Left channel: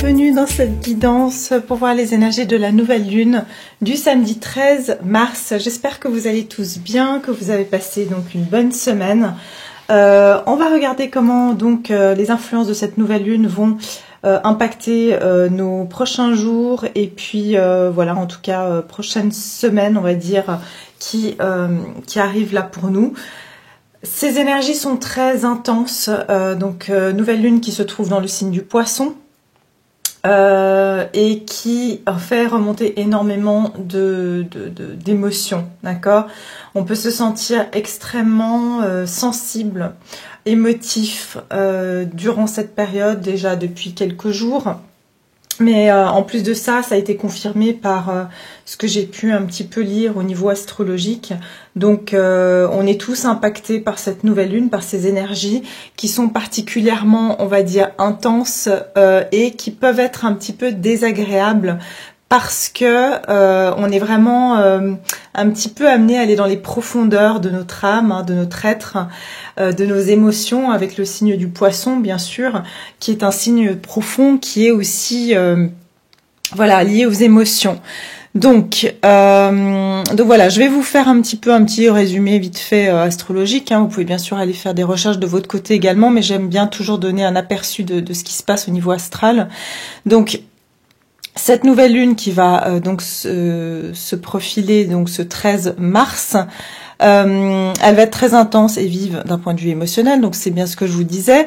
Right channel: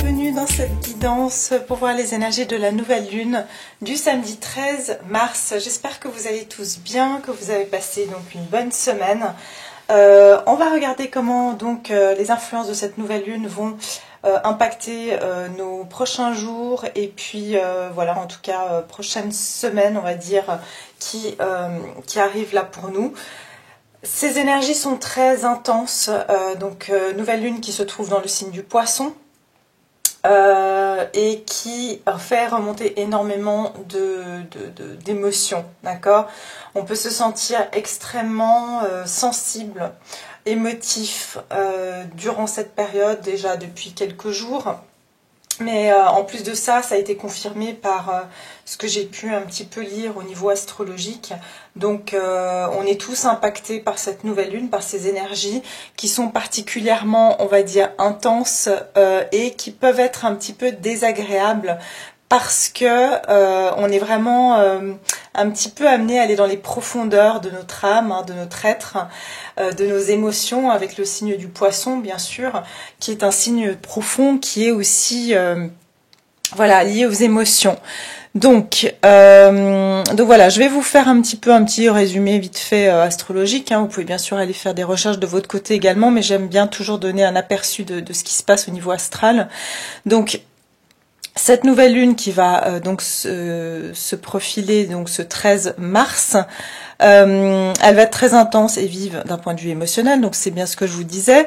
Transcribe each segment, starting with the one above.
bienvenue dans cette guidance pour voir les énergies de la nouvelle lune du samedi 13 mars. J'espère que vous allez tous bien, que vous avez passé donc une bonne semaine. On va regarder comment donc les influences de cette nouvelle lune vont impacter nos prochains jours et puis voilà, en tout cas prochaine semaine, on va dire, qui arrive là pour nous. Ces énergies sont très intenses, nouvelle lune qui se trouve dans le signe du Poisson et qui fait remonter énormément d'émotions, d'accord? On peut se sentir extrêmement sensible, émotif durant cette période, déjà depuis quelques jours. Mais en plus de ça, ça a été confirmé par ce que j'ai pu un petit peu lire au niveau astrologique. Donc on est tous impactés par cette nouvelle lune, par ces énergies qui sont particulièrement, on va dire, intenses et qui peuvent être un petit peu désagréables parce que on est vraiment un petit peu amené à aller dans les profondeurs de notre âme, hein, de notre être, de nos émotions, avec le signe du Poisson, bien sûr, qui est un signe profond, qui est aussi voilà, lié aux émotions. Donc voilà, je vais vous faire un petit résumé vite fait astrologique. Hein. Vous pouvez bien sûr aller faire des recherches de votre côté également, mais j'aime bien toujours donner un aperçu de ce qui se passe au niveau astral. Donc cette nouvelle lune qui va donc se profiler donc ce 13 mars, elle va être très intense et vive d'un point de vue émotionnel, donc c'est bien ce que je vous disais,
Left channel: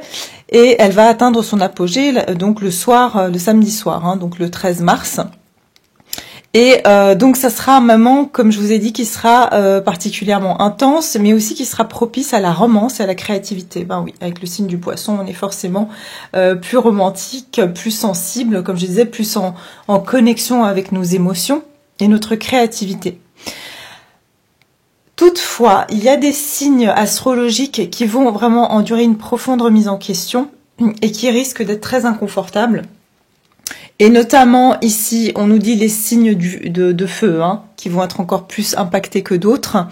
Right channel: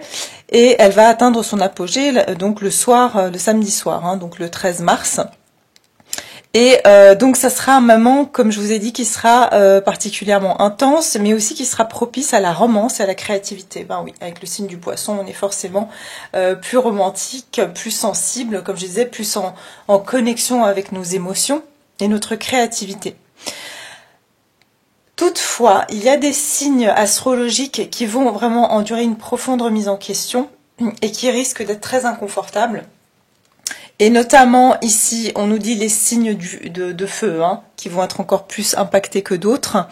et elle va atteindre son apogée donc le samedi soir, hein, donc le 13 mars. Et donc ça sera un moment, comme je vous ai dit, qui sera particulièrement intense, mais aussi qui sera propice à la romance et à la créativité. Ben oui, avec le signe du Poisson, on est forcément plus romantique, plus sensible, comme je disais, plus en connexion avec nos émotions et notre créativité. Toutefois, il y a des signes astrologiques qui vont vraiment endurer une profonde remise en question et qui risquent d'être très inconfortables. Et notamment ici, on nous dit les signes de feu, hein, qui vont être encore plus impactés que d'autres.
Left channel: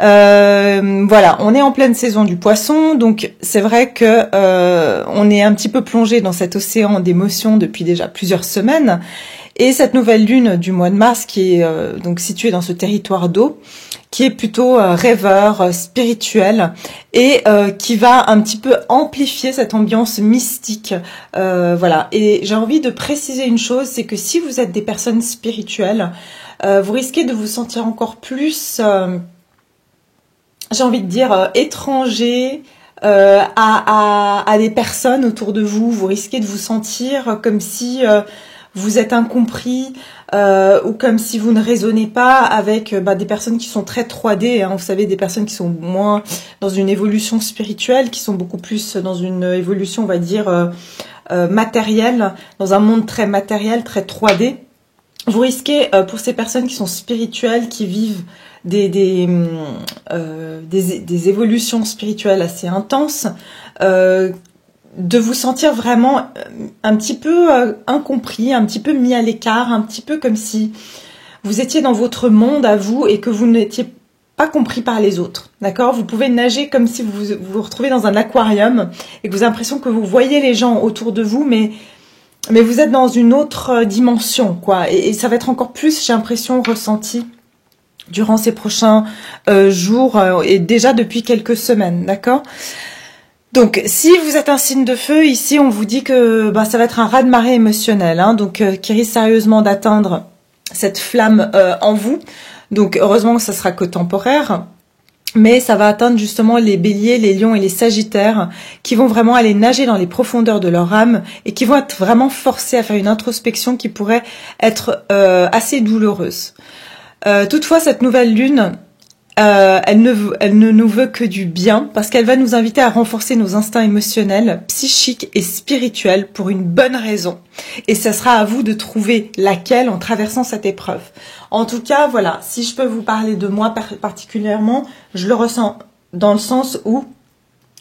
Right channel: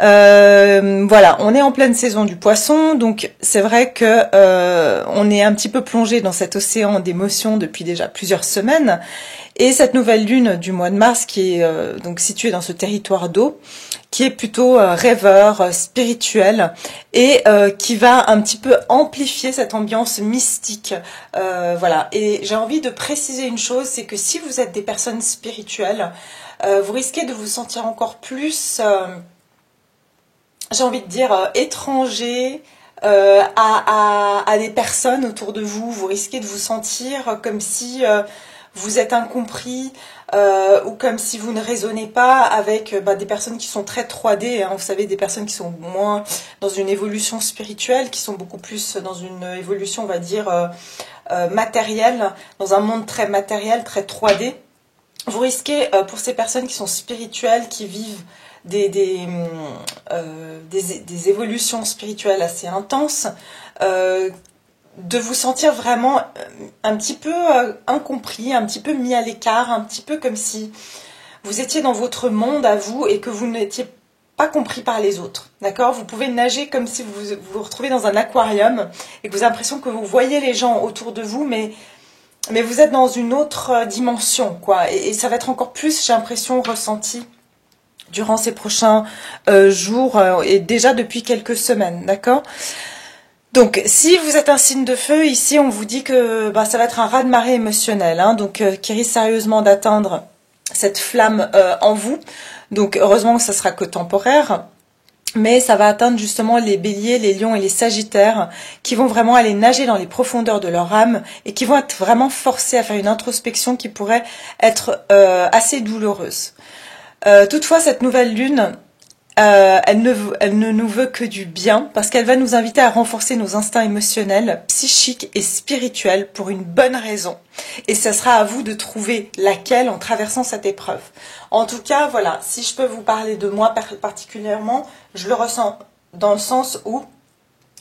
Voilà, on est en pleine saison du Poisson, donc c'est vrai que on est un petit peu plongé dans cet océan d'émotions depuis déjà plusieurs semaines. Et cette nouvelle lune du mois de mars, qui est donc située dans ce territoire d'eau, qui est plutôt rêveur, spirituel, et qui va un petit peu amplifier cette ambiance mystique. Voilà. Et j'ai envie de préciser une chose, c'est que si vous êtes des personnes spirituelles, vous risquez de vous sentir encore plus, j'ai envie de dire, étranger à des personnes autour de vous. Vous risquez de vous sentir comme si vous êtes incompris ou comme si vous ne raisonnez pas avec des personnes qui sont très 3D, hein, vous savez, des personnes qui sont moins dans une évolution spirituelle, qui sont beaucoup plus dans une évolution, on va dire, matérielle, dans un monde très matériel, très 3D. Vous risquez, pour ces personnes qui sont spirituelles, qui vivent des évolutions spirituelles assez intenses, de vous sentir vraiment un petit peu incompris, un petit peu mis à l'écart, un petit peu comme si vous étiez dans votre monde à vous et que vous n'étiez pas compris par les autres, d'accord? Vous pouvez nager comme si vous vous retrouvez dans un aquarium et que vous avez l'impression que vous voyez les gens autour de vous, mais vous êtes dans une autre dimension, quoi. Et ça va être encore plus, j'ai l'impression, ressenti durant ces prochains jours et déjà depuis quelques semaines, d'accord? Donc, si vous êtes un signe de feu, ici, on vous dit que ça va être un raz-de-marée émotionnel, hein, donc qui risque sérieusement d'atteindre cette flamme en vous. Donc, heureusement que ça sera que temporaire, mais ça va atteindre justement les béliers, les lions et les sagittaires qui vont vraiment aller nager dans les profondeurs de leur âme et qui vont être vraiment forcés à faire une introspection qui pourrait être assez douloureuse. Toutefois, cette nouvelle lune, elle ne nous veut que du bien parce qu'elle va nous inviter à renforcer nos instincts émotionnels, psychiques et spirituels pour une bonne raison. Et ça sera à vous de trouver laquelle en traversant cette épreuve. En tout cas, voilà, si je peux vous parler de moi particulièrement, je le ressens dans le sens où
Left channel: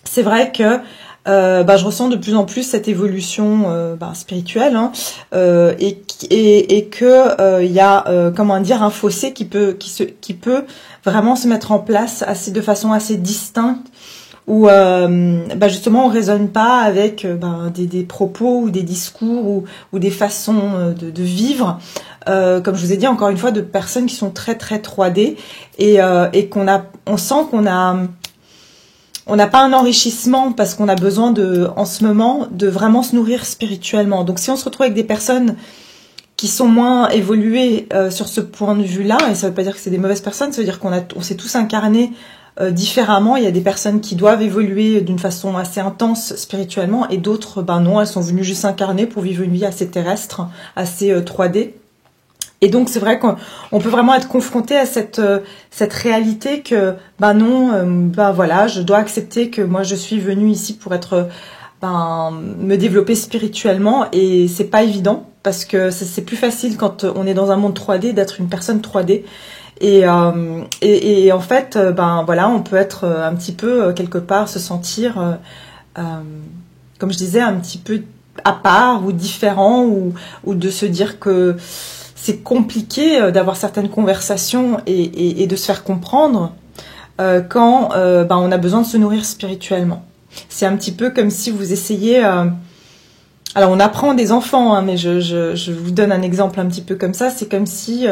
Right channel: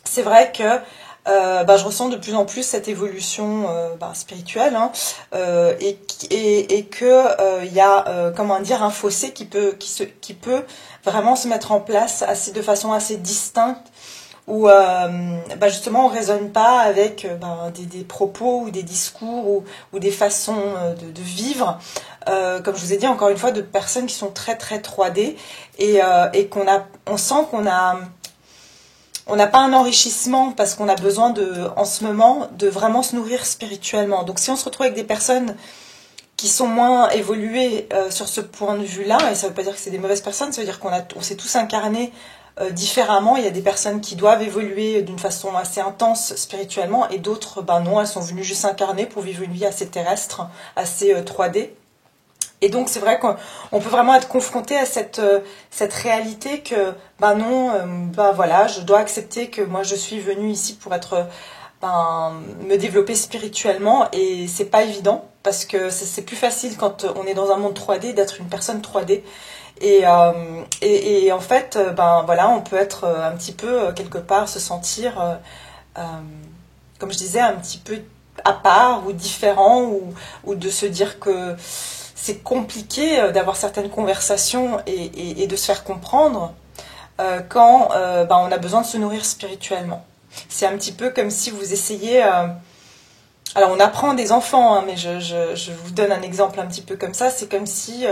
c'est vrai que je ressens de plus en plus cette évolution spirituelle, hein, et que il y a comment dire, un fossé qui peut vraiment se mettre en place de façon assez distincte où justement on raisonne pas avec des propos ou des discours ou des façons de vivre, comme je vous ai dit encore une fois, de personnes qui sont très très 3D et on sent on n'a pas un enrichissement parce qu'on a besoin en ce moment, de vraiment se nourrir spirituellement. Donc si on se retrouve avec des personnes qui sont moins évoluées sur ce point de vue-là, et ça veut pas dire que c'est des mauvaises personnes, ça veut dire on s'est tous incarnés différemment. Il y a des personnes qui doivent évoluer d'une façon assez intense spirituellement, et d'autres, non, elles sont venues juste s'incarner pour vivre une vie assez terrestre, assez 3D. Et donc c'est vrai qu'on peut vraiment être confronté à cette réalité que voilà, je dois accepter que moi je suis venue ici pour être me développer spirituellement, et c'est pas évident parce que c'est plus facile quand on est dans un monde 3D d'être une personne 3D. Et en fait, voilà, on peut être un petit peu quelque part se sentir, comme je disais, un petit peu à part ou différent, ou de se dire que c'est compliqué d'avoir certaines conversations et de se faire comprendre quand on a besoin de se nourrir spirituellement. C'est un petit peu comme si vous essayez... alors on apprend des enfants, hein, mais je vous donne un exemple un petit peu comme ça. C'est comme si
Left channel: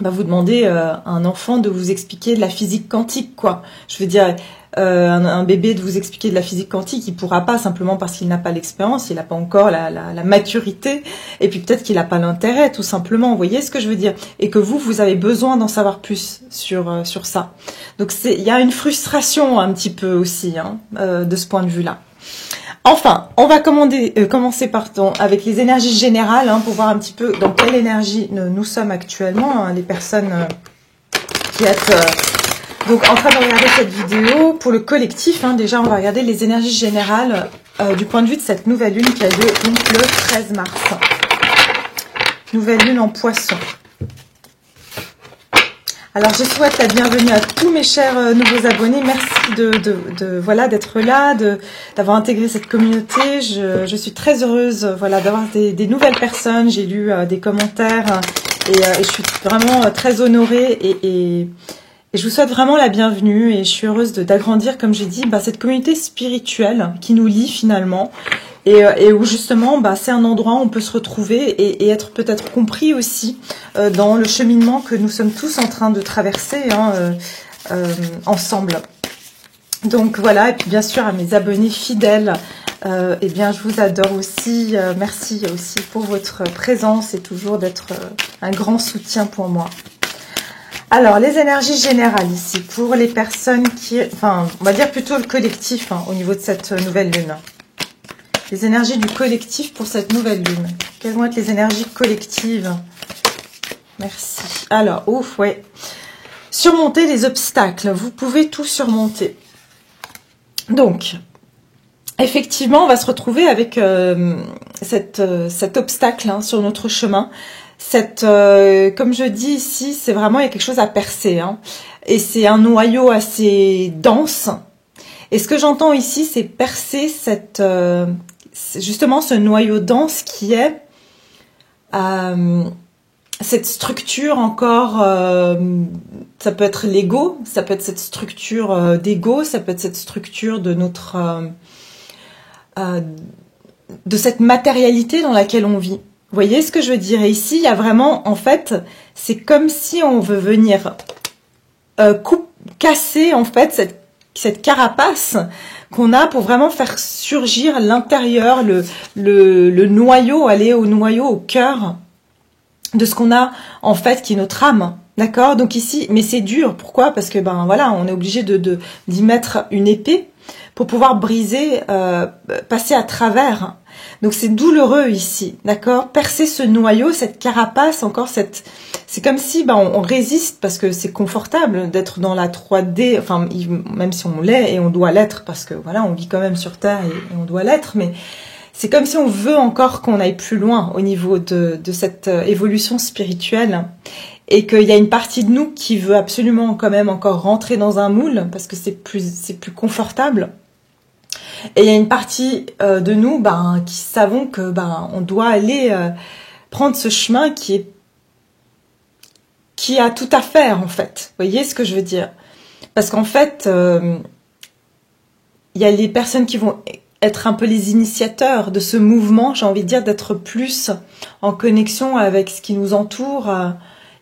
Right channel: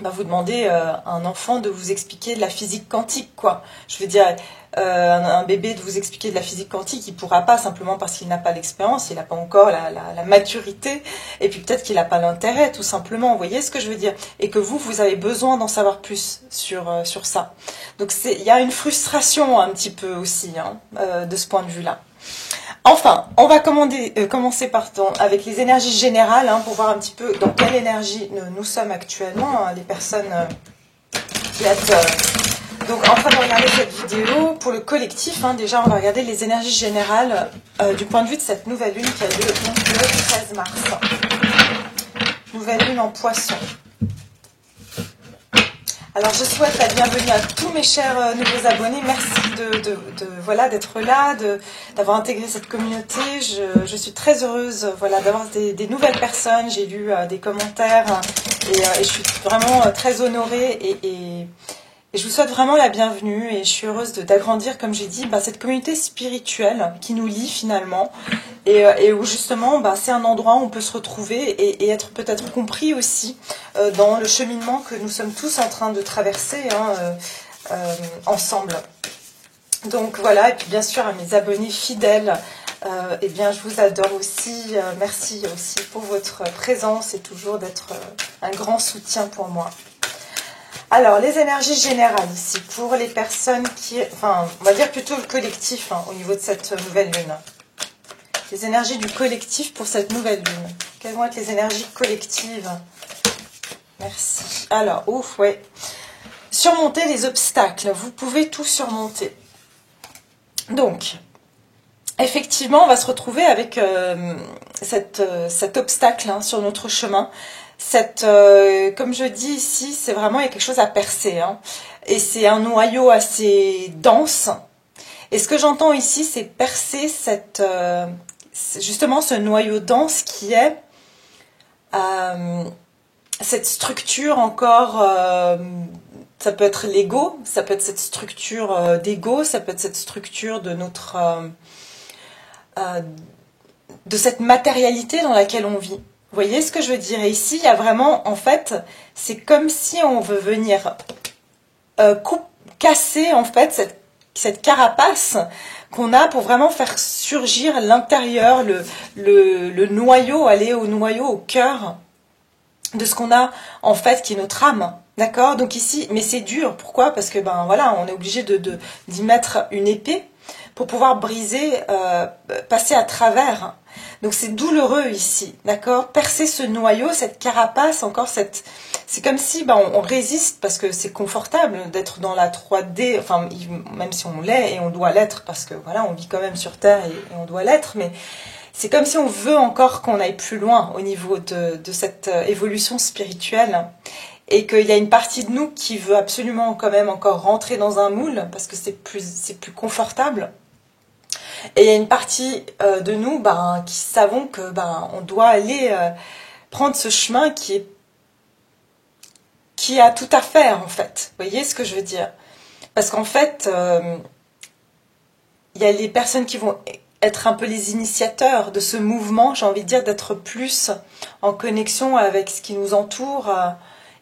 vous demandez à un enfant de vous expliquer de la physique quantique, quoi. Je veux dire, un bébé de vous expliquer de la physique quantique, il pourra pas, simplement parce qu'il n'a pas l'expérience, il n'a pas encore la maturité, et puis peut-être qu'il n'a pas l'intérêt, tout simplement. Vous voyez ce que je veux dire? Et que vous avez besoin d'en savoir plus sur ça. Donc il y a une frustration un petit peu aussi, hein, de ce point de vue-là. Enfin, on va commencer avec les énergies générales, hein, pour voir un petit peu dans quelle énergie nous sommes actuellement, hein, les personnes qui êtes donc en train de regarder cette vidéo. Pour le collectif, hein, déjà on va regarder les énergies générales du point de vue de cette nouvelle lune qui a lieu donc le 13 mars. Nouvelle lune en Poisson. Alors je souhaite la bienvenue à tous mes chers nouveaux abonnés. Merci voilà, d'être là, d'avoir intégré cette communauté. Je suis très heureuse, voilà, d'avoir des nouvelles personnes. J'ai lu des commentaires et je suis vraiment très honorée et je vous souhaite vraiment la bienvenue, et je suis heureuse d'agrandir, comme j'ai dit, cette communauté spirituelle qui nous lie finalement. Et où justement c'est un endroit où on peut se retrouver et être peut-être compris aussi dans le cheminement que nous sommes tous en train de traverser, hein, ensemble. Donc voilà, et puis bien sûr à mes abonnés fidèles, eh bien je vous adore aussi, merci aussi pour votre présence et toujours d'être un grand soutien pour moi. Alors les énergies générales ici pour les personnes on va dire plutôt le collectif, hein, au niveau de cette nouvelle lune. Les énergies du collectif pour cette nouvelle lune. Quelles vont être les énergies collectives? Merci. Alors, ouais. Surmonter les obstacles. Vous pouvez tout surmonter. Donc, effectivement, on va se retrouver avec cet obstacle, hein, sur notre chemin. Comme je dis ici, c'est vraiment, il y a quelque chose à percer, hein. Et c'est un noyau assez dense. Et ce que j'entends ici, c'est percer justement ce noyau dense qui est cette structure encore, ça peut être l'ego, ça peut être cette structure d'ego, ça peut être cette structure de de cette matérialité dans laquelle on vit. Vous voyez ce que je veux dire? Et ici, il y a vraiment, en fait, c'est comme si on veut venir casser, en fait, cette carapace qu'on a pour vraiment faire surgir l'intérieur, le noyau, aller au noyau, au cœur de ce qu'on a, en fait, qui est notre âme. D'accord? Donc ici, mais c'est dur. Pourquoi? Parce que, voilà, on est obligé d'y mettre une épée pour pouvoir briser, passer à travers. Donc c'est douloureux ici, d'accord? Percer ce noyau, cette carapace, encore c'est comme si on résiste parce que c'est confortable d'être dans la 3D, enfin même si on l'est et on doit l'être parce que voilà, on vit quand même sur Terre et on doit l'être, mais c'est comme si on veut encore qu'on aille plus loin au niveau de cette évolution spirituelle, et qu'il y a une partie de nous qui veut absolument quand même encore rentrer dans un moule parce que c'est plus confortable. Et il y a une partie de nous qui savons que on doit aller prendre ce chemin qui a tout à faire, en fait. Vous voyez ce que je veux dire? Parce qu'en fait, il y a les personnes qui vont être un peu les initiateurs de ce mouvement, j'ai envie de dire, d'être plus en connexion avec ce qui nous entoure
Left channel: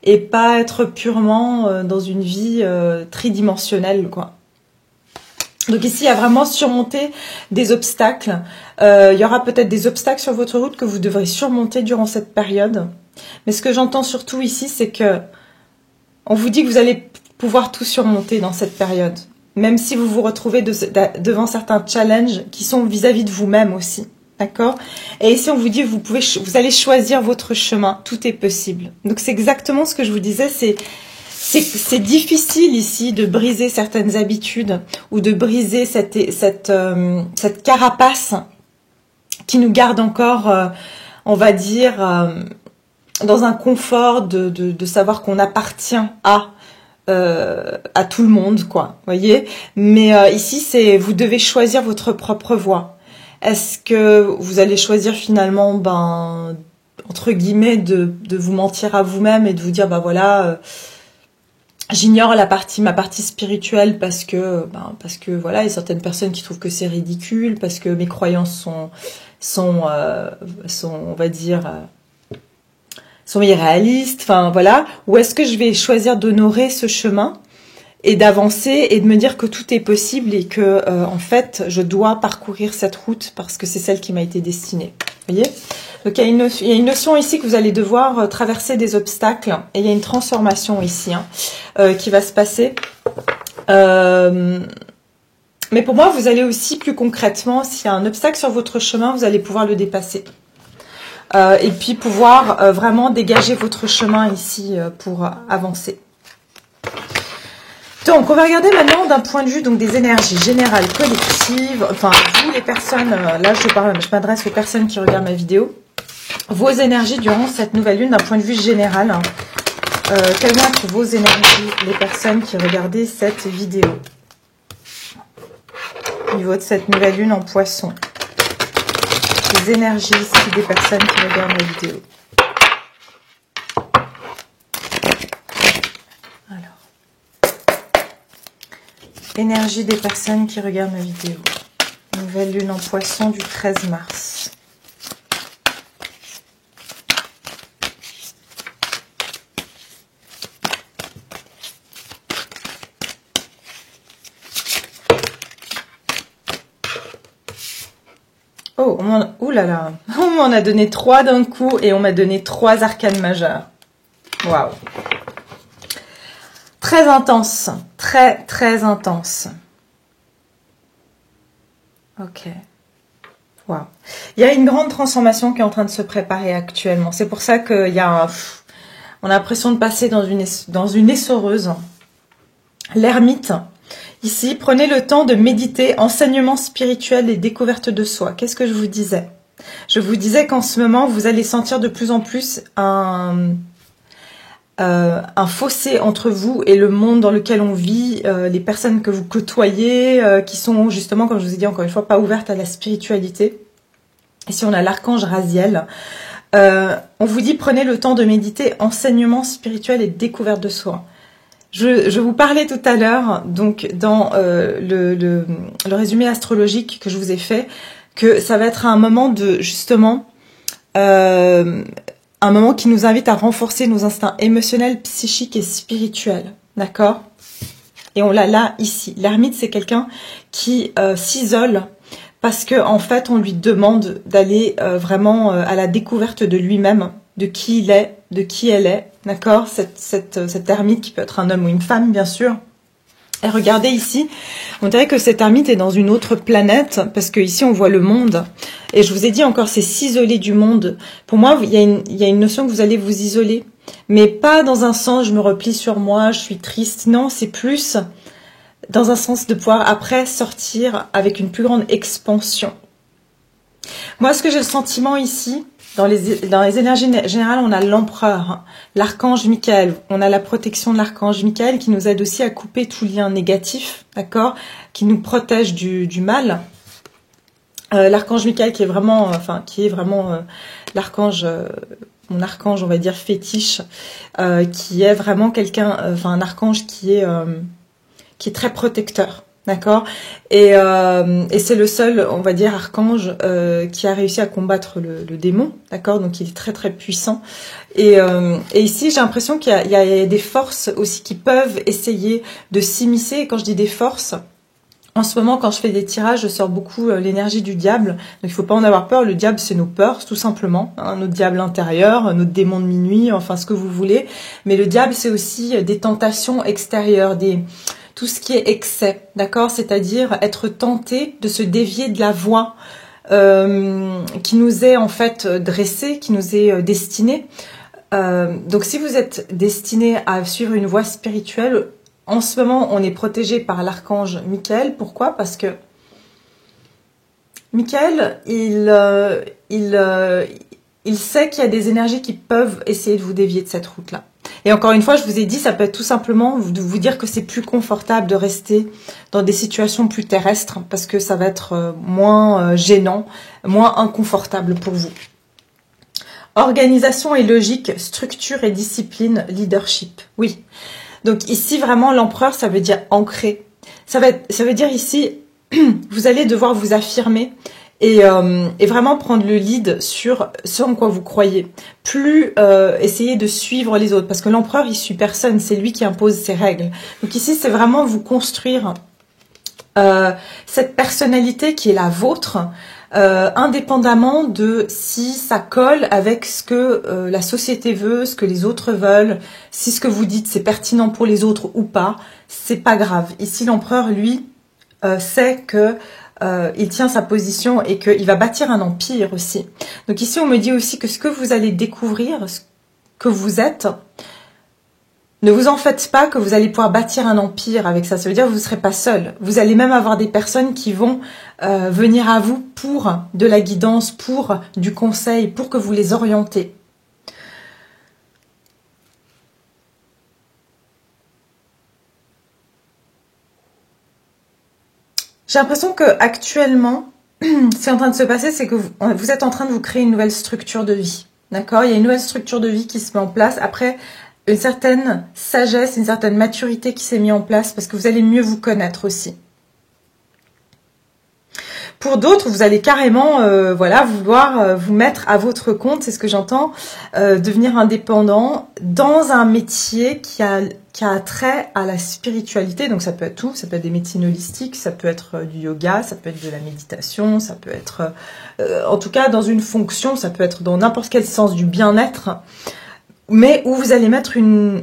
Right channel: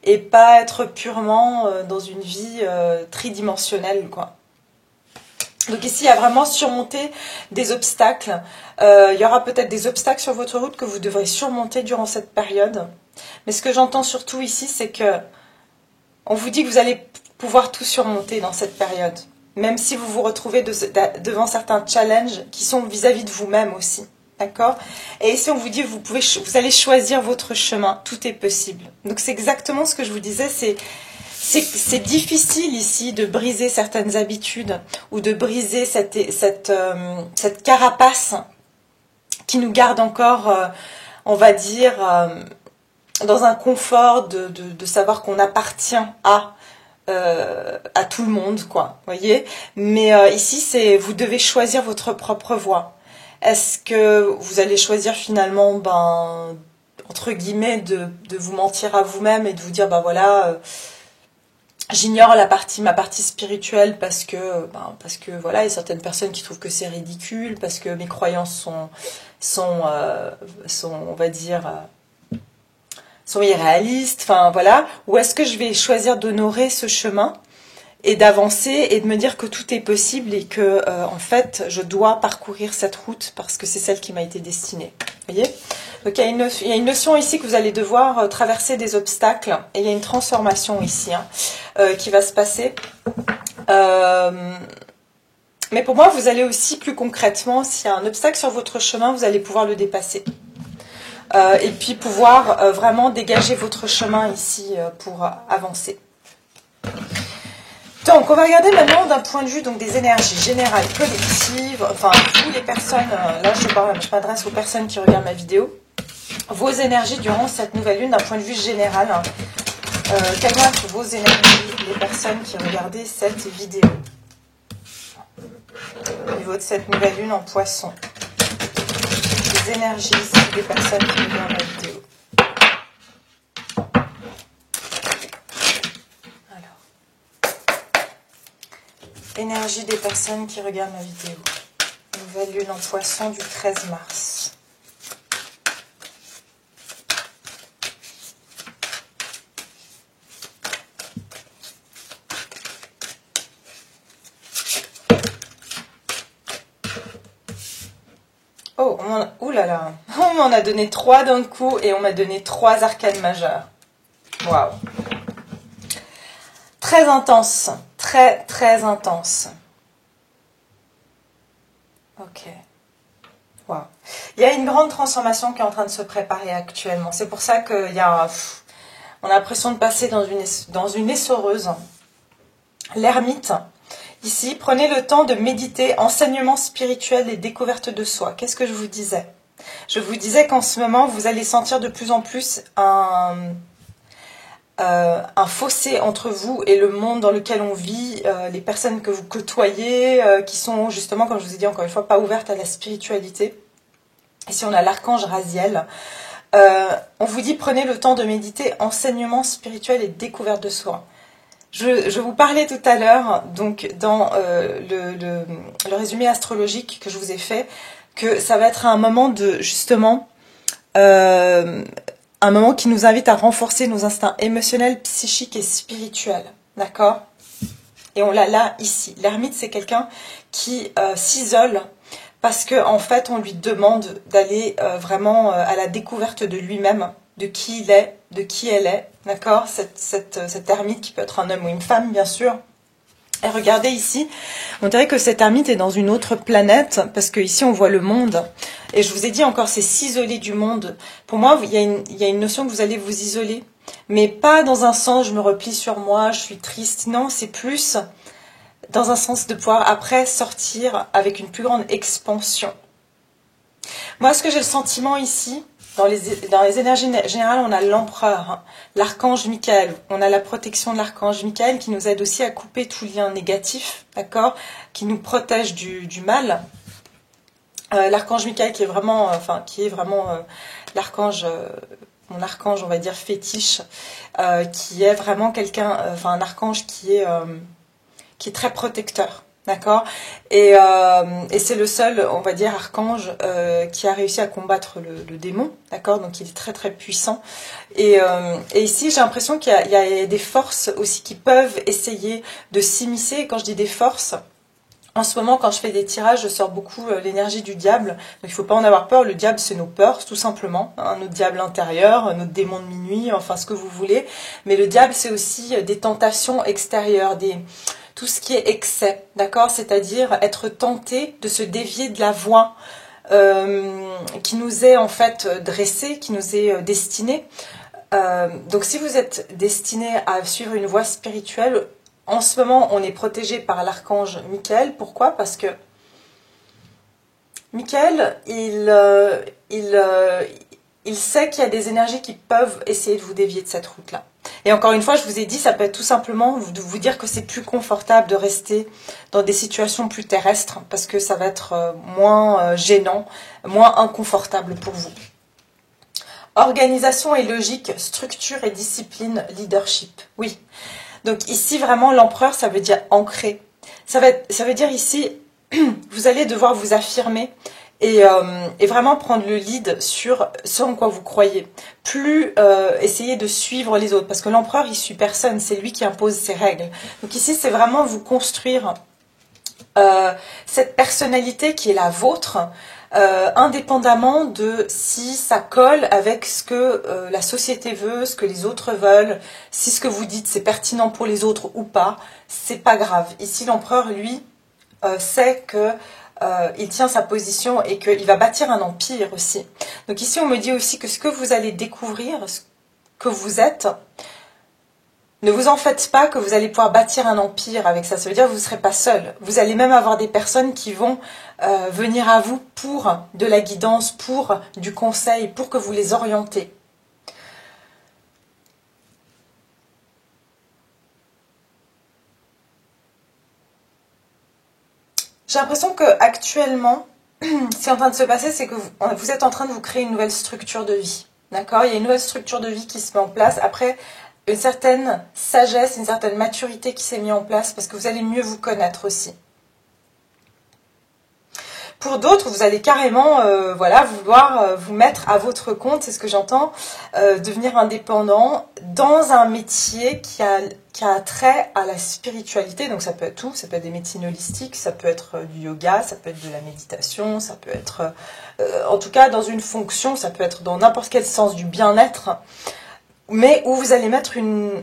et pas être purement dans une vie tridimensionnelle, quoi. Donc ici, il y a vraiment surmonter des obstacles. Il y aura peut-être des obstacles sur votre route que vous devrez surmonter durant cette période. Mais ce que j'entends surtout ici, c'est que on vous dit que vous allez pouvoir tout surmonter dans cette période. Même si vous vous retrouvez devant certains challenges qui sont vis-à-vis de vous-même aussi. D'accord? Et ici, on vous dit que vous allez choisir votre chemin. Tout est possible. Donc, c'est exactement ce que je vous disais. C'est difficile ici de briser certaines habitudes ou de briser cette carapace qui nous garde encore, on va dire, dans un confort de savoir qu'on appartient à tout le monde, quoi, voyez. Mais ici, vous devez choisir votre propre voie. Est-ce que vous allez choisir finalement, entre guillemets, de vous mentir à vous-même et de vous dire, voilà, j'ignore ma partie spirituelle parce que voilà, il y a certaines personnes qui trouvent que c'est ridicule, parce que mes croyances sont on va dire, sont irréalistes, enfin voilà. Ou est-ce que je vais choisir d'honorer ce chemin et d'avancer et de me dire que tout est possible et que en fait je dois parcourir cette route parce que c'est celle qui m'a été destinée. Vous voyez? Donc il y a une notion ici que vous allez devoir traverser des obstacles et il y a une transformation ici qui va se passer. Mais pour moi, vous allez aussi plus concrètement, s'il y a un obstacle sur votre chemin, vous allez pouvoir le dépasser. Et puis pouvoir vraiment dégager votre chemin ici pour avancer. Donc, on va regarder maintenant d'un point de vue donc des énergies générales collectives. Enfin, vous les personnes, là je m'adresse aux personnes qui regardent ma vidéo. Vos énergies durant cette nouvelle lune d'un point de vue général. Quelles vont être vos énergies, les personnes qui regardaient cette vidéo? Au niveau de cette nouvelle lune en poisson. Les énergies ici des personnes qui regardent ma vidéo. Alors. Énergie des personnes qui regardent ma vidéo. Nouvelle lune en poisson du 13 mars. Oh, oulala, on m'en a donné 3 d'un coup et on m'a donné 3 arcanes majeures. Waouh. Très intense, très très intense. Ok. Waouh. Il y a une grande transformation qui est en train de se préparer actuellement. C'est pour ça qu'il y a on a l'impression de passer dans une essoreuse. L'ermite. Ici, prenez le temps de méditer, enseignement spirituel et découverte de soi. Qu'est-ce que je vous disais? Je vous disais qu'en ce moment, vous allez sentir de plus en plus un fossé entre vous et le monde dans lequel on vit, les personnes que vous côtoyez, qui sont justement, comme je vous ai dit encore une fois, pas ouvertes à la spiritualité. Ici, on a l'archange Raziel. On vous dit, prenez le temps de méditer, enseignement spirituel et découverte de soi. Je vous parlais tout à l'heure, donc dans le résumé astrologique que je vous ai fait, que ça va être un moment de, justement, un moment qui nous invite à renforcer nos instincts émotionnels, psychiques et spirituels. D'accord? Et on l'a là, ici. L'ermite, c'est quelqu'un qui s'isole parce que en fait, on lui demande d'aller vraiment à la découverte de lui-même, de qui il est, de qui elle est. D'accord? Cette ermite qui peut être un homme ou une femme, bien sûr. Et regardez ici, on dirait que cette ermite est dans une autre planète, parce que ici on voit le monde. Et je vous ai dit encore, c'est s'isoler du monde. Pour moi, il y a une notion que vous allez vous isoler, mais pas dans un sens, je me replie sur moi, je suis triste. Non, c'est plus dans un sens de pouvoir après sortir avec une plus grande expansion. Moi, ce que j'ai le sentiment ici, dans les énergies générales, on a l'empereur, l'archange Michael. On a la protection de l'archange Michael qui nous aide aussi à couper tout lien négatif, d'accord, qui nous protège du mal. L'archange Michael qui est vraiment, l'archange, mon archange, on va dire fétiche, qui est vraiment quelqu'un, un archange qui est très protecteur. D'accord, et c'est le seul, on va dire, archange qui a réussi à combattre le démon, d'accord. Donc il est très très puissant. Et ici, j'ai l'impression qu'il y a des forces aussi qui peuvent essayer de s'immiscer. Et quand je dis des forces, en ce moment, quand je fais des tirages, je sors beaucoup l'énergie du diable. Donc il faut pas en avoir peur. Le diable, c'est nos peurs, tout simplement. Hein, notre diable intérieur, notre démon de minuit, enfin ce que vous voulez. Mais le diable, c'est aussi des tentations extérieures, tout ce qui est excès, d'accord? C'est-à-dire être tenté de se dévier de la voie qui nous est en fait dressée, qui nous est destinée. Donc si vous êtes destiné à suivre une voie spirituelle, en ce moment on est protégé par l'archange Michael. Pourquoi? Parce que Michael, il sait qu'il y a des énergies qui peuvent essayer de vous dévier de cette route-là. Et encore une fois, je vous ai dit, ça peut être tout simplement de vous dire que c'est plus confortable de rester dans des situations plus terrestres parce que ça va être moins gênant, moins inconfortable pour vous. Organisation et logique, structure et discipline, leadership. Oui. Donc ici, vraiment, l'empereur, ça veut dire ancré. Ça veut dire ici, vous allez devoir vous affirmer et vraiment prendre le lead sur ce en quoi vous croyez. Plus essayer de suivre les autres. Parce que l'empereur, il suit personne. C'est lui qui impose ses règles. Donc ici, c'est vraiment vous construire cette personnalité qui est la vôtre, indépendamment de si ça colle avec ce que la société veut, ce que les autres veulent, si ce que vous dites c'est pertinent pour les autres ou pas, c'est pas grave. Ici, l'empereur, lui, sait que il tient sa position et qu'il va bâtir un empire aussi. Donc ici, on me dit aussi que ce que vous allez découvrir, ce que vous êtes, ne vous en faites pas que vous allez pouvoir bâtir un empire avec ça. Ça veut dire que vous ne serez pas seul. Vous allez même avoir des personnes qui vont venir à vous pour de la guidance, pour du conseil, pour que vous les orientez. J'ai l'impression que actuellement, ce qui est en train de se passer, c'est que vous êtes en train de vous créer une nouvelle structure de vie. D'accord? Il y a une nouvelle structure de vie qui se met en place. Après, une certaine sagesse, une certaine maturité qui s'est mise en place parce que vous allez mieux vous connaître aussi. Pour d'autres, vous allez carrément voilà, vouloir vous mettre à votre compte, c'est ce que j'entends, devenir indépendant dans un métier qui a trait à la spiritualité. Donc ça peut être tout, ça peut être des médecines holistiques, ça peut être du yoga, ça peut être de la méditation, ça peut être, en tout cas dans une fonction, ça peut être dans n'importe quel sens du bien-être, mais où vous allez mettre une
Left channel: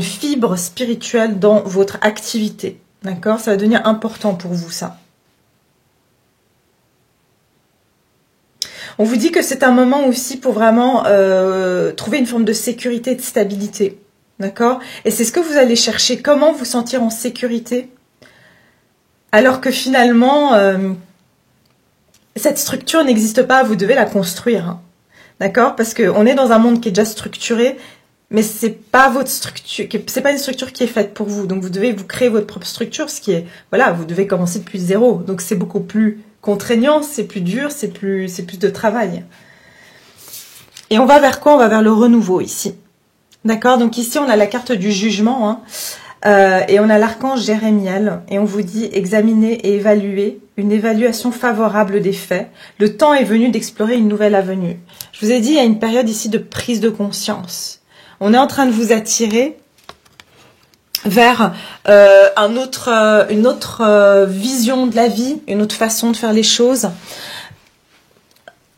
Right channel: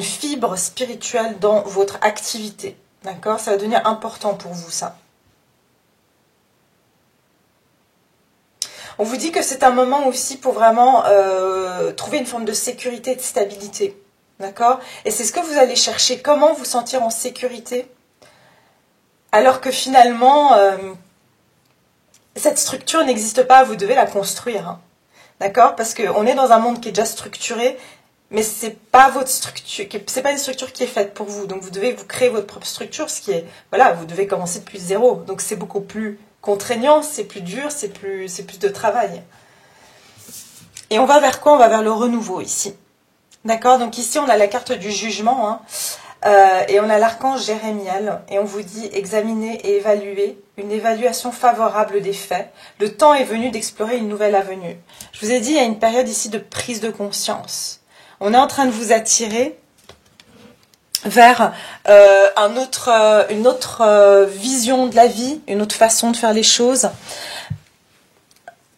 fibre spirituelle dans votre activité. D'accord? Ça va devenir important pour vous, ça. On vous dit que c'est un moment aussi pour vraiment trouver une forme de sécurité et de stabilité. D'accord? Et c'est ce que vous allez chercher. Comment vous sentir en sécurité alors que finalement, cette structure n'existe pas, vous devez la construire. Hein. D'accord? Parce qu'on est dans un monde qui est déjà structuré, mais c'est pas votre structure, c'est pas une structure qui est faite pour vous. Donc vous devez vous créer votre propre structure, ce qui est, voilà, vous devez commencer depuis zéro. Donc c'est beaucoup plus contraignant, c'est plus dur, c'est plus de travail. Et on va vers quoi? On va vers le renouveau ici. D'accord? Donc ici on a la carte du jugement, hein, et on a l'archange Jérémiel, et on vous dit examiner et évaluer, une évaluation favorable des faits. Le temps est venu d'explorer une nouvelle avenue. Je vous ai dit, il y a une période ici de prise de conscience. On est en train de vous attirer vers une autre vision de la vie, une autre façon de faire les choses.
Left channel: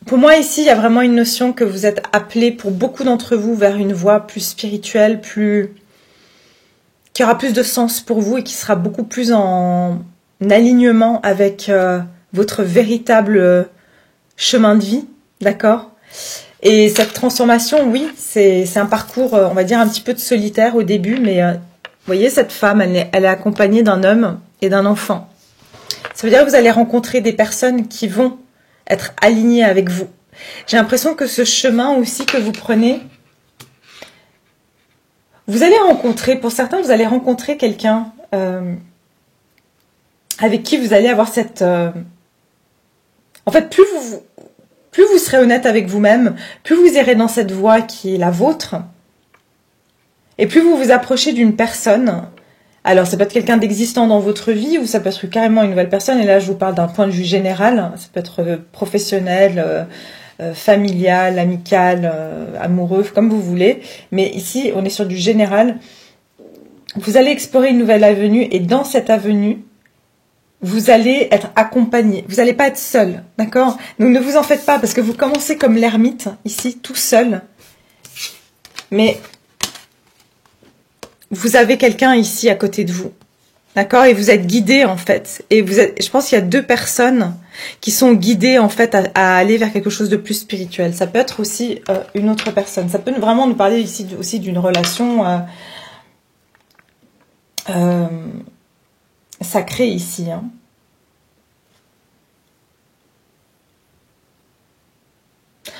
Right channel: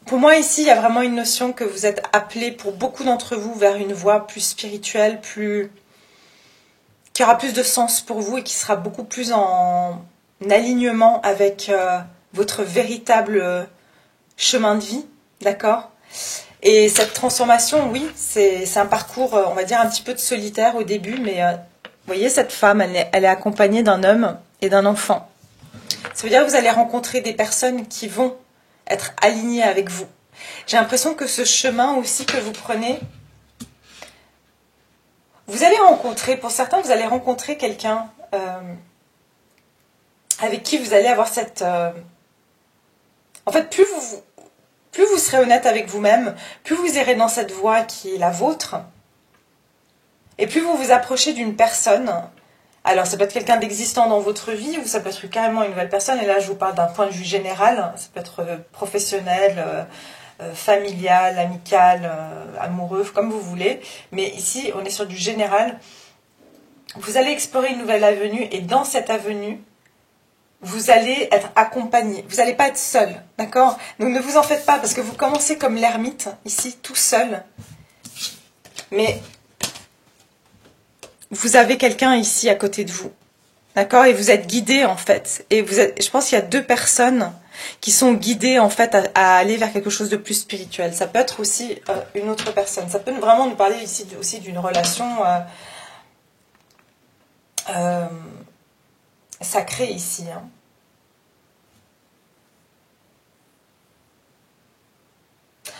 Pour moi, ici, il y a vraiment une notion que vous êtes appelés, pour beaucoup d'entre vous, vers une voie plus spirituelle, qui aura plus de sens pour vous et qui sera beaucoup plus en alignement avec votre véritable chemin de vie, d'accord? Et cette transformation, oui, c'est un parcours, on va dire, un petit peu de solitaire au début, mais vous voyez, cette femme, elle est accompagnée d'un homme et d'un enfant. Ça veut dire que vous allez rencontrer des personnes qui vont être alignées avec vous. J'ai l'impression que ce chemin aussi que vous prenez, vous allez rencontrer, pour certains, vous allez rencontrer quelqu'un avec qui vous allez avoir cette... En fait, plus vous serez honnête avec vous-même, plus vous irez dans cette voie qui est la vôtre, et plus vous vous approchez d'une personne Alors, ça peut être quelqu'un d'existant dans votre vie ou ça peut être carrément une nouvelle personne. Et là, je vous parle d'un point de vue général. Ça peut être professionnel, familial, amical, amoureux, comme vous voulez. Mais ici, on est sur du général. Vous allez explorer une nouvelle avenue et dans cette avenue, vous allez être accompagné. Vous n'allez pas être seul, d'accord? Donc ne vous en faites pas parce que vous commencez comme l'ermite, ici, tout seul. Mais vous avez quelqu'un ici à côté de vous, d'accord? Et vous êtes guidé en fait. Et vous êtes, je pense qu'il y a 2 personnes qui sont guidées en fait à aller vers quelque chose de plus spirituel. Ça peut être aussi une autre personne. Ça peut vraiment nous parler ici aussi d'une relation sacrée ici. Hein.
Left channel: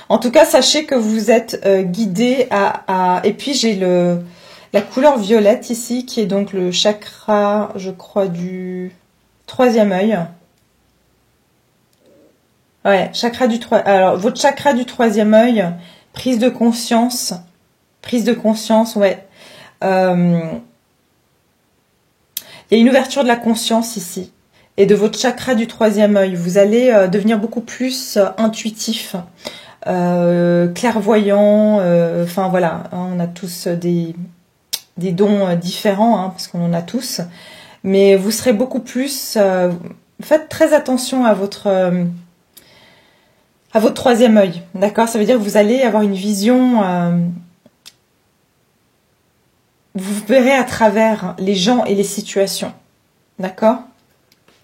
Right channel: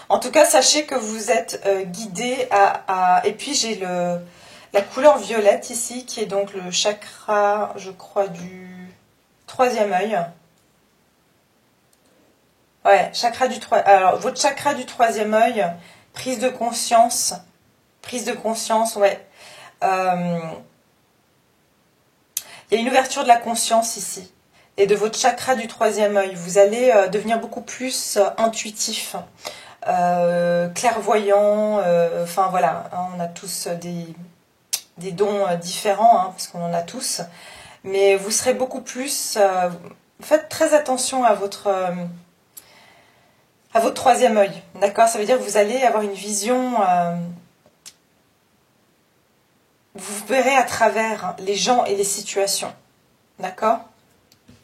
En tout cas, sachez que vous êtes guidé Et puis j'ai la couleur violette ici, qui est donc le chakra, je crois, du 3e œil. Ouais, chakra du 3... Alors, votre chakra du 3e œil, prise de conscience, ouais. Il y a une ouverture de la conscience ici. Et de votre chakra du 3e œil, vous allez devenir beaucoup plus intuitif, clairvoyant. Enfin, voilà, hein, on a tous des dons différents, hein, parce qu'on en a tous. Mais vous serez beaucoup plus... faites très attention à votre 3e œil, d'accord? Ça veut dire que vous allez avoir une vision... vous verrez à travers les gens et les situations, d'accord?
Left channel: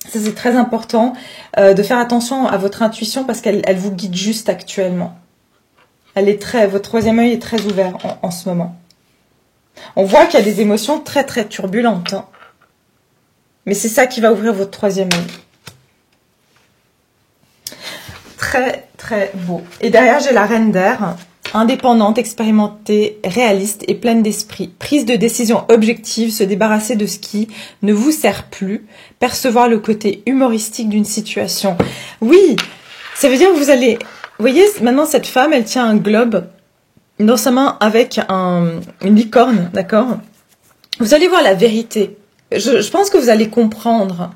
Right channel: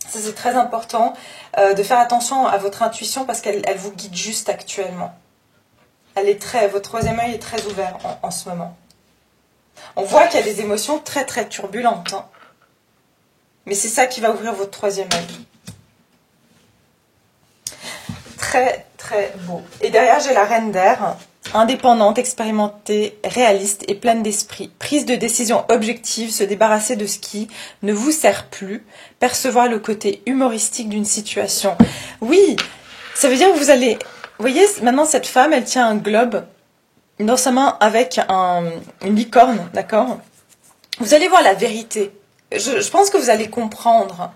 Ça, c'est très important de faire attention à votre intuition parce qu'elle vous guide juste actuellement. Votre 3e œil est très ouvert en ce moment. On voit qu'il y a des émotions très très turbulentes. Hein. Mais c'est ça qui va ouvrir votre 3e œil. Très très beau. Et derrière, j'ai la reine d'air. Indépendante, expérimentée, réaliste et pleine d'esprit. Prise de décision objective, se débarrasser de ce qui ne vous sert plus. Percevoir le côté humoristique d'une situation. Oui, ça veut dire que vous allez... Vous voyez, maintenant cette femme, elle tient un globe dans sa main avec une licorne, d'accord? Vous allez voir la vérité. Je pense que vous allez comprendre.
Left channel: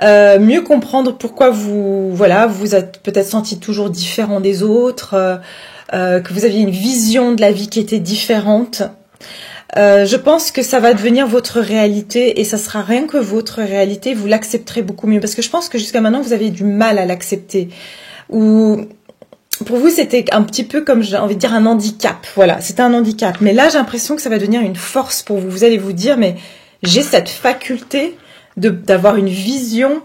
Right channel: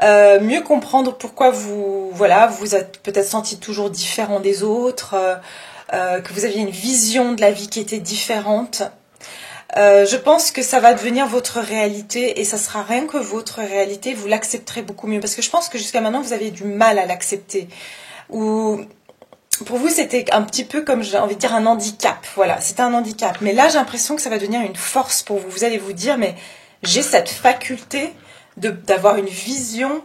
Mieux comprendre pourquoi vous êtes peut-être senti toujours différent des autres, que vous aviez une vision de la vie qui était différente. Je pense que ça va devenir votre réalité et ça sera rien que votre réalité, vous l'accepterez beaucoup mieux. Parce que je pense que jusqu'à maintenant, vous avez du mal à l'accepter. Ou pour vous, c'était un petit peu comme, j'ai envie de dire, un handicap. Voilà, c'était un handicap. Mais là, j'ai l'impression que ça va devenir une force pour vous. Vous allez vous dire, mais j'ai cette faculté d'avoir une vision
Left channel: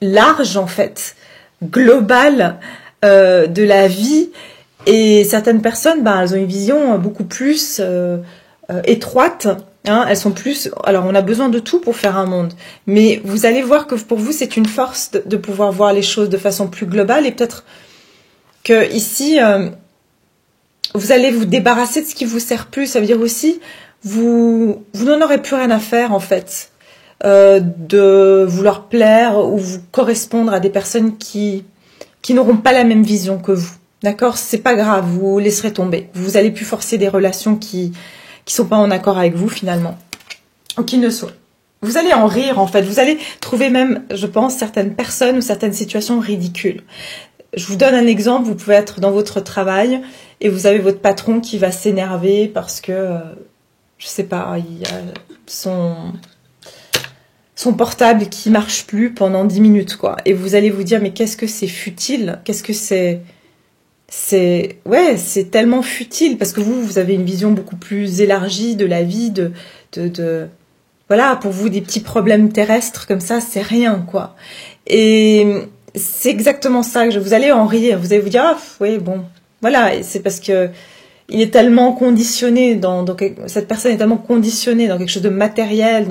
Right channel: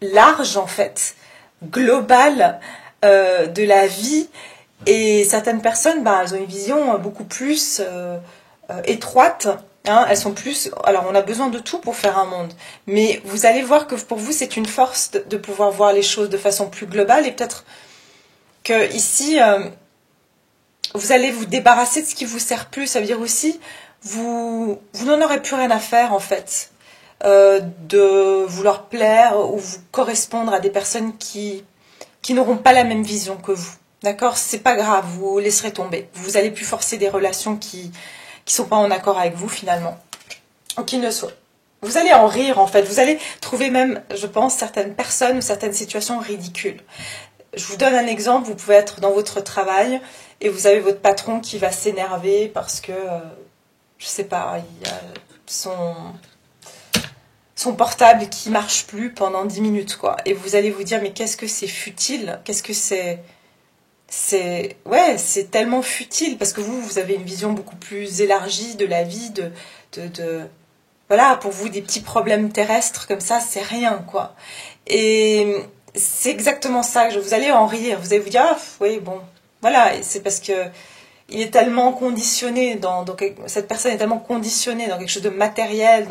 large, en fait, globale de la vie. Et certaines personnes, elles ont une vision beaucoup plus étroite. Hein, elles sont plus... Alors, on a besoin de tout pour faire un monde. Mais vous allez voir que pour vous, c'est une force de pouvoir voir les choses de façon plus globale. Et peut-être que ici, vous allez vous débarrasser de ce qui vous sert plus. Ça veut dire aussi, vous n'en aurez plus rien à faire, en fait. De vouloir plaire ou vous correspondre à des personnes qui n'auront pas la même vision que vous. D'accord? C'est pas grave, vous laisserez tomber. Vous allez plus forcer des relations qui sont pas en accord avec vous, finalement. Ou qui ne sont. Vous allez en rire, en fait. Vous allez trouver même, je pense, certaines personnes ou certaines situations ridicules. Je vous donne un exemple. Vous pouvez être dans votre travail et vous avez votre patron qui va s'énerver parce que, je sais pas, il y a son portable qui marche plus pendant 10 minutes, quoi. Et vous allez vous dire, mais qu'est-ce que c'est futile? Qu'est-ce que c'est tellement futile parce que vous avez une vision beaucoup plus élargie de la vie, voilà, pour vous, des petits problèmes terrestres comme ça, c'est rien, quoi. Et c'est exactement ça que vous allez en rire. Vous allez vous dire, ah, oui, bon, voilà. Et c'est parce que il est tellement conditionné cette personne est tellement conditionnée dans quelque chose de matériel,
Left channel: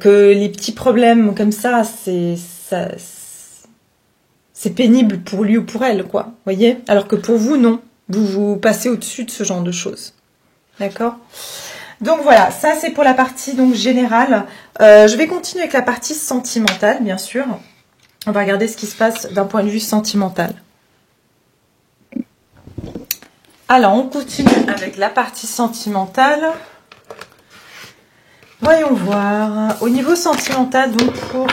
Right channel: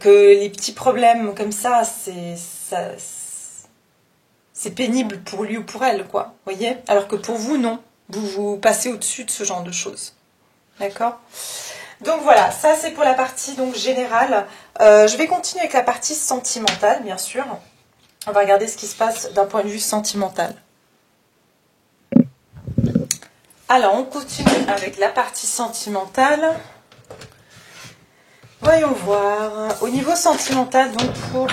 que les petits problèmes comme ça, c'est pénible pour lui ou pour elle, quoi. Voyez? Alors que pour vous, non. Vous passez au-dessus de ce genre de choses. D'accord? Donc voilà, ça c'est pour la partie donc générale. Je vais continuer avec la partie sentimentale, bien sûr. On va regarder ce qui se passe d'un point de vue sentimental. Alors, on continue avec la partie sentimentale. Voyons voir. Au niveau sentimental, donc pour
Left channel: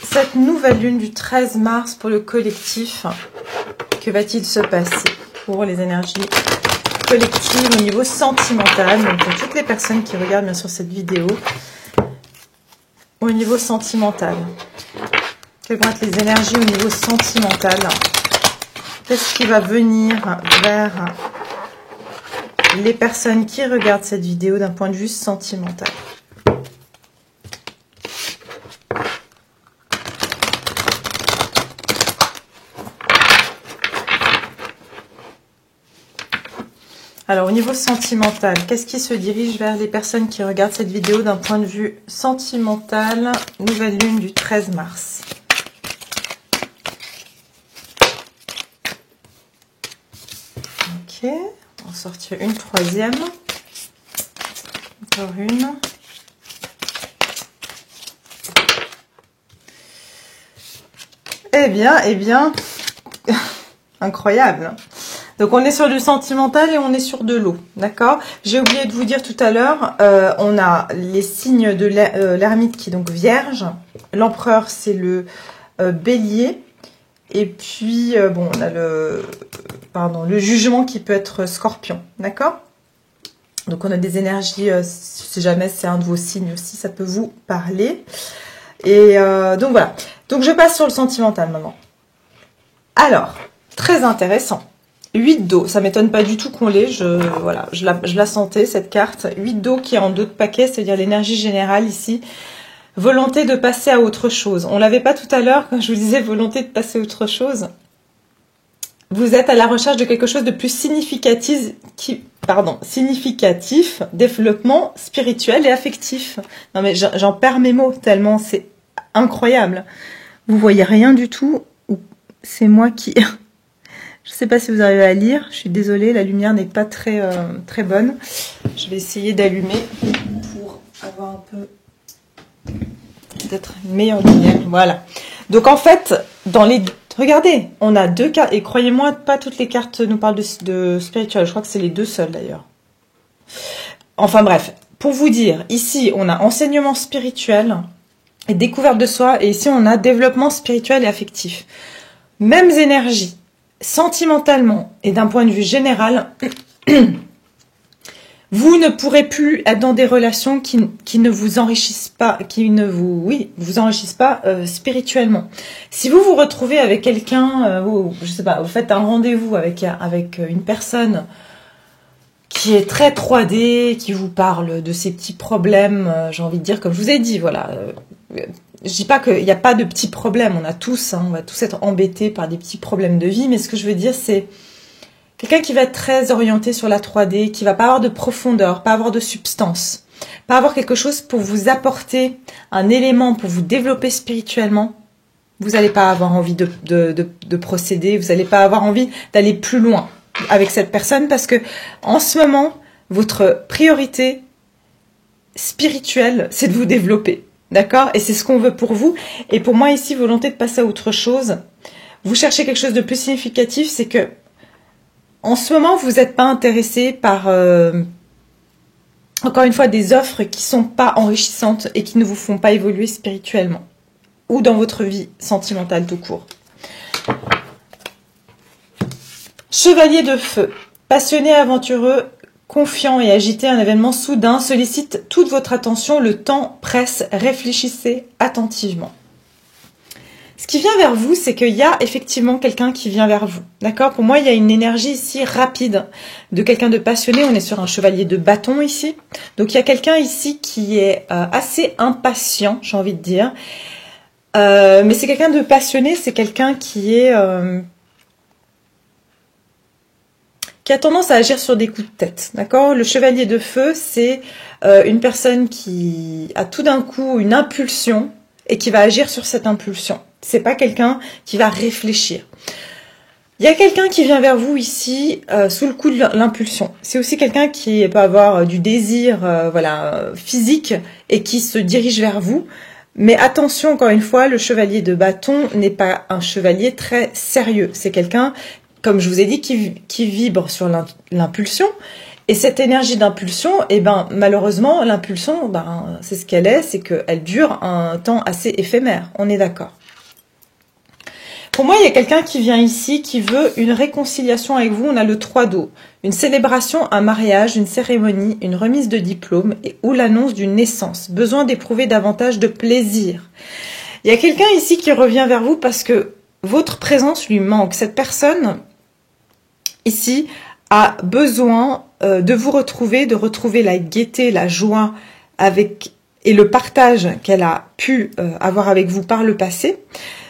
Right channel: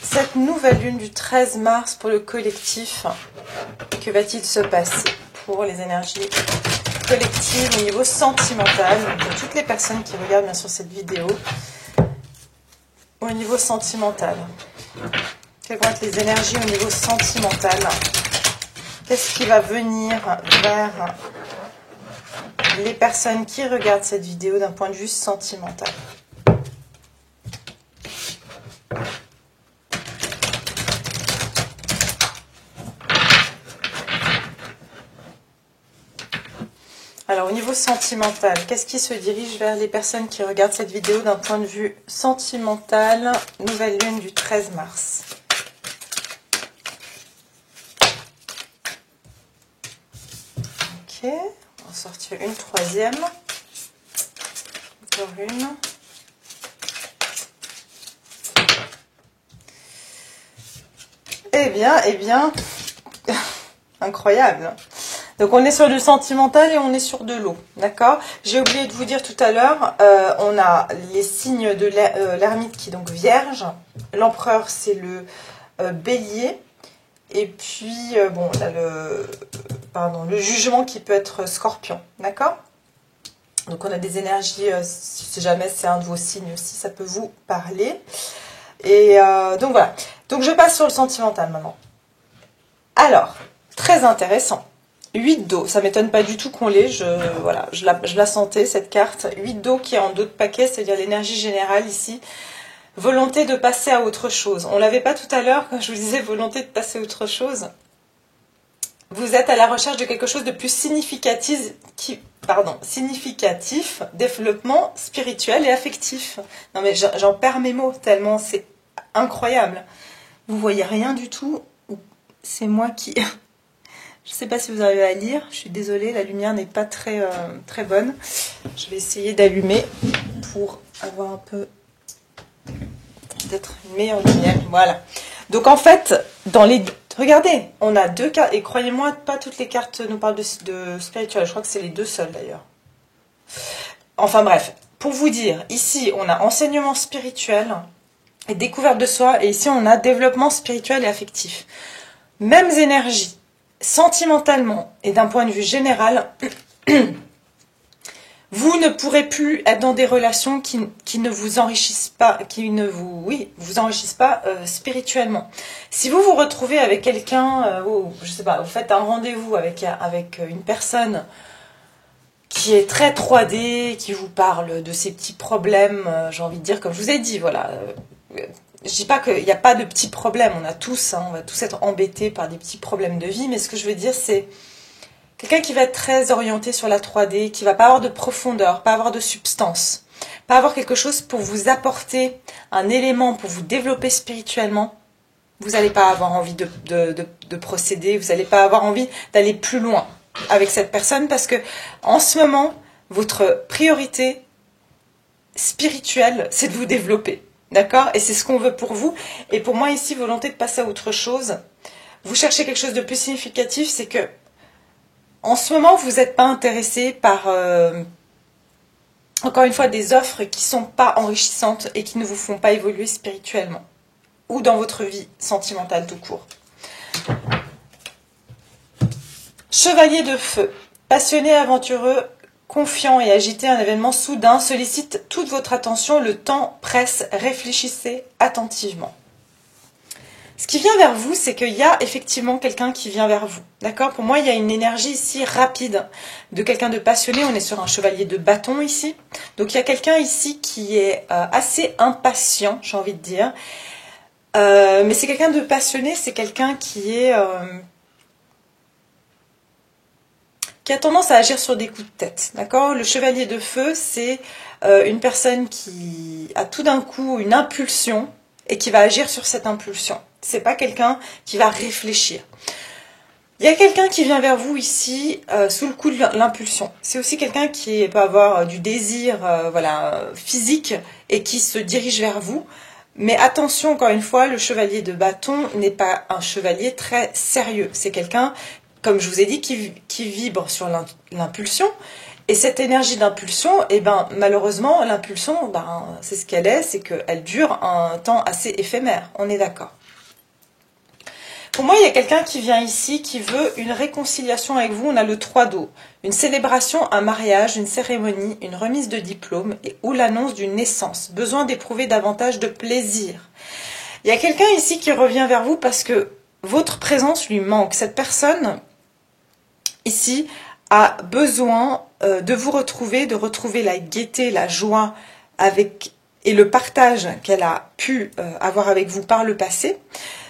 cette nouvelle lune du 13 mars pour le collectif, que va-t-il se passer pour les énergies collectives au niveau sentimental, donc pour toutes les personnes qui regardent bien sûr cette vidéo, au niveau sentimental. Quelles vont être les énergies au niveau sentimental? Qu'est-ce qui va venir vers les personnes qui regardent cette vidéo d'un point de vue sentimental? Alors, au niveau sentimental, qu'est-ce qui se dirige vers les personnes qui regardent cette vidéo d'un point de vue sentimental? Nouvelle lune du 13 mars. Ok, on va en sortir une troisième. Encore une. Eh bien, incroyable. Donc, on est sur du sentimental et on est sur de l'eau, d'accord? J'ai oublié de vous dire tout à l'heure, on a les signes de l'ermite qui est donc vierge. L'empereur, c'est le bélier. Et puis, bon, on a le jugement qui peut être scorpion, d'accord? Donc, on a des énergies, si jamais c'est un de vos signes aussi, ça peut vous parler. Et donc, voilà. Donc, je passe sur le sentimental maintenant. Alors, très intéressant. 8 d'eau, ça m'étonne pas du tout qu'on l'ait, voilà, je la sentais cette carte. 8 d'eau qui est en dos de paquet, c'est-à-dire l'énergie générale ici. Volonté de passer à autre chose. On l'avait pas tout à l'heure quand je vous disais volonté de passer à autre chose. Vous êtes à la recherche de quelque chose de plus significatif, développement spirituel et affectif. Non mais j'en perds mes mots tellement c'est incroyable. Vous voyez rien du tout, c'est moi qui... Je ne sais pas si vous arrivez à lire, je suis désolée, la lumière n'est pas très bonne. Je vais essayer d'allumer pour avoir un peu, peut-être une meilleure lumière. Voilà. Donc en fait, regardez, on a 2 cartes, et croyez-moi, pas toutes les cartes nous parlent de spirituel, je crois que c'est les 2 seules d'ailleurs. Enfin bref, pour vous dire, ici on a enseignement spirituel et découverte de soi, et ici on a développement spirituel et affectif. Mêmes énergies. Sentimentalement et d'un point de vue général, vous ne pourrez plus être dans des relations qui ne vous enrichissent pas, vous enrichissent pas spirituellement. Si vous vous retrouvez avec quelqu'un, je sais pas, vous faites un rendez-vous avec une personne qui est très 3D, qui vous parle de ses petits problèmes, j'ai envie de dire, comme je vous ai dit, voilà. Je dis pas qu'il n'y a pas de petits problèmes, on a tous, on va tous être embêtés par des petits problèmes de vie, mais ce que je veux dire, c'est quelqu'un qui va être très orienté sur la 3D, qui va pas avoir de profondeur, pas avoir de substance, pas avoir quelque chose pour vous apporter un élément pour vous développer spirituellement. Vous n'allez pas avoir envie de procéder, vous n'allez pas avoir envie d'aller plus loin avec cette personne parce que en ce moment, votre priorité spirituelle, c'est de vous développer. D'accord? Et c'est ce qu'on veut pour vous. Et pour moi, ici, volonté de passer à autre chose. Vous cherchez quelque chose de plus significatif, c'est que en ce moment, vous n'êtes pas intéressé par, encore une fois, des offres qui ne sont pas enrichissantes et qui ne vous font pas évoluer spirituellement ou dans votre vie sentimentale tout court. Chevalier de feu, passionné, aventureux, confiant et agité, un événement soudain sollicite toute votre attention, le temps presse, réfléchissez attentivement. Ce qui vient vers vous, c'est qu'il y a effectivement quelqu'un qui vient vers vous. D'accord? Pour moi, il y a une énergie ici rapide de quelqu'un de passionné. On est sur un chevalier de bâton ici. Donc, il y a quelqu'un ici qui est assez impatient, j'ai envie de dire. Mais c'est quelqu'un de passionné, c'est quelqu'un qui a tendance à agir sur des coups de tête, d'accord? Le chevalier de feu, c'est une personne qui a tout d'un coup une impulsion et qui va agir sur cette impulsion. C'est pas quelqu'un qui va réfléchir. Il y a quelqu'un qui vient vers vous ici sous le coup de l'impulsion. C'est aussi quelqu'un qui peut avoir du désir physique et qui se dirige vers vous. Mais attention, encore une fois, le chevalier de bâton n'est pas un chevalier très sérieux. C'est quelqu'un, comme je vous ai dit, qui vibre sur l'impulsion Et cette énergie d'impulsion, eh ben, malheureusement, l'impulsion, ben, c'est ce qu'elle est, c'est qu'elle dure un temps assez éphémère. On est d'accord. Pour moi, il y a quelqu'un qui vient ici, qui veut une réconciliation avec vous. On a le 3 d'eau. Une célébration, un mariage, une cérémonie, une remise de diplôme ou l'annonce d'une naissance. Besoin d'éprouver davantage de plaisir. Il y a quelqu'un ici qui revient vers vous parce que votre présence lui manque. Cette personne, ici, a besoin de vous retrouver, de retrouver la gaieté, la joie et le partage qu'elle a pu avoir avec vous par le passé.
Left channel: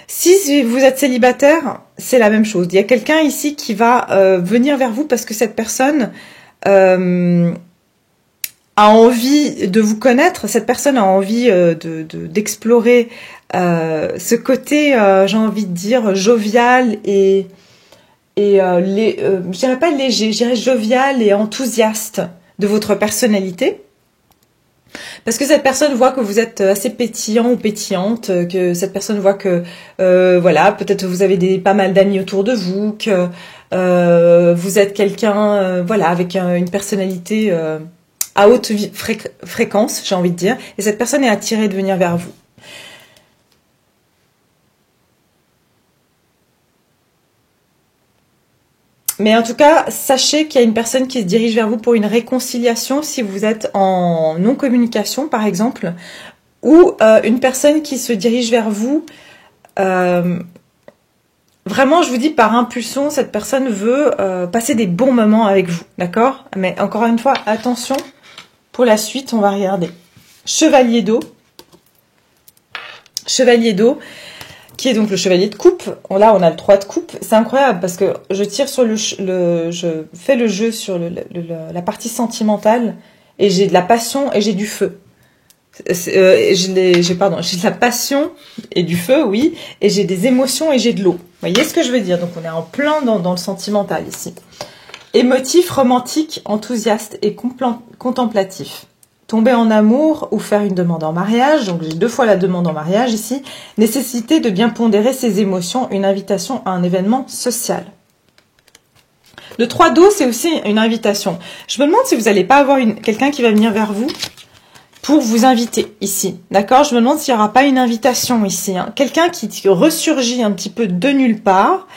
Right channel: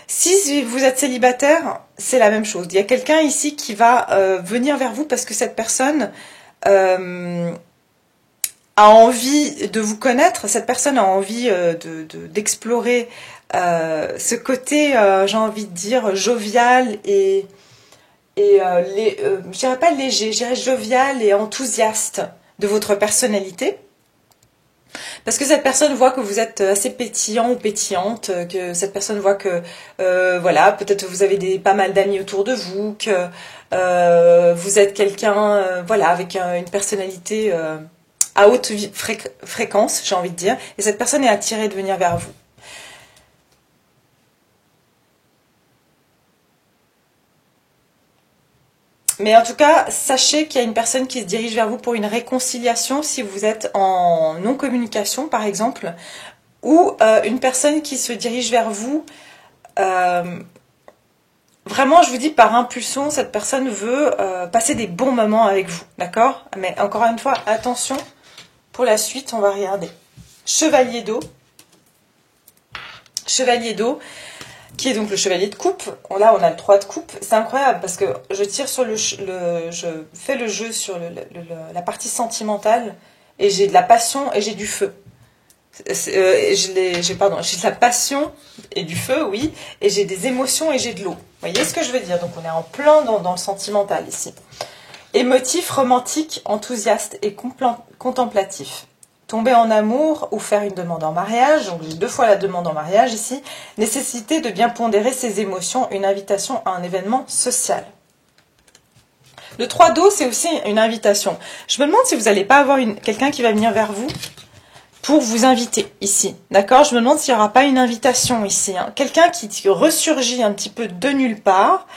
Si vous êtes célibataire, c'est la même chose. Il y a quelqu'un ici qui va venir vers vous parce que cette personne a envie de vous connaître. Cette personne a envie d'explorer ce côté, j'ai envie de dire, jovial je dirais pas léger, je dirais jovial et enthousiaste de votre personnalité. Parce que cette personne voit que vous êtes assez pétillant ou pétillante, que cette personne voit que, voilà, peut-être vous avez pas mal d'amis autour de vous, que vous êtes quelqu'un, voilà, avec une personnalité à haute fréquence, j'ai envie de dire, et cette personne est attirée de venir vers vous. Mais en tout cas, sachez qu'il y a une personne qui se dirige vers vous pour une réconciliation si vous êtes en non-communication, par exemple, ou une personne qui se dirige vers vous. Vraiment, je vous dis, par impulsion, cette personne veut passer des bons moments avec vous, d'accord? Mais encore une fois, attention, pour la suite, on va regarder. Chevalier d'eau. Chevalier d'eau. Qui est donc le chevalier de coupe. Là, on a le 3 de coupe. C'est incroyable parce que je tire sur je fais le jeu sur la partie sentimentale et j'ai de la passion et j'ai du feu. J'ai de la passion et du feu, oui, et j'ai des émotions et j'ai de l'eau. Vous voyez ce que je veux dire? Donc, on est en plein dans le sentimental ici. Émotif, romantique, enthousiaste et contemplatif. Tomber en amour ou faire une demande en mariage, donc j'ai 2 fois la demande en mariage ici, nécessité de bien pondérer ses émotions, une invitation à un événement social. Le 3 d'eau, c'est aussi une invitation. Je me demande si vous n'allez pas avoir quelqu'un qui va venir vers vous pour vous inviter ici, d'accord? Je me demande s'il n'y aura pas une invitation ici, hein. Quelqu'un qui ressurgit un petit peu de nulle part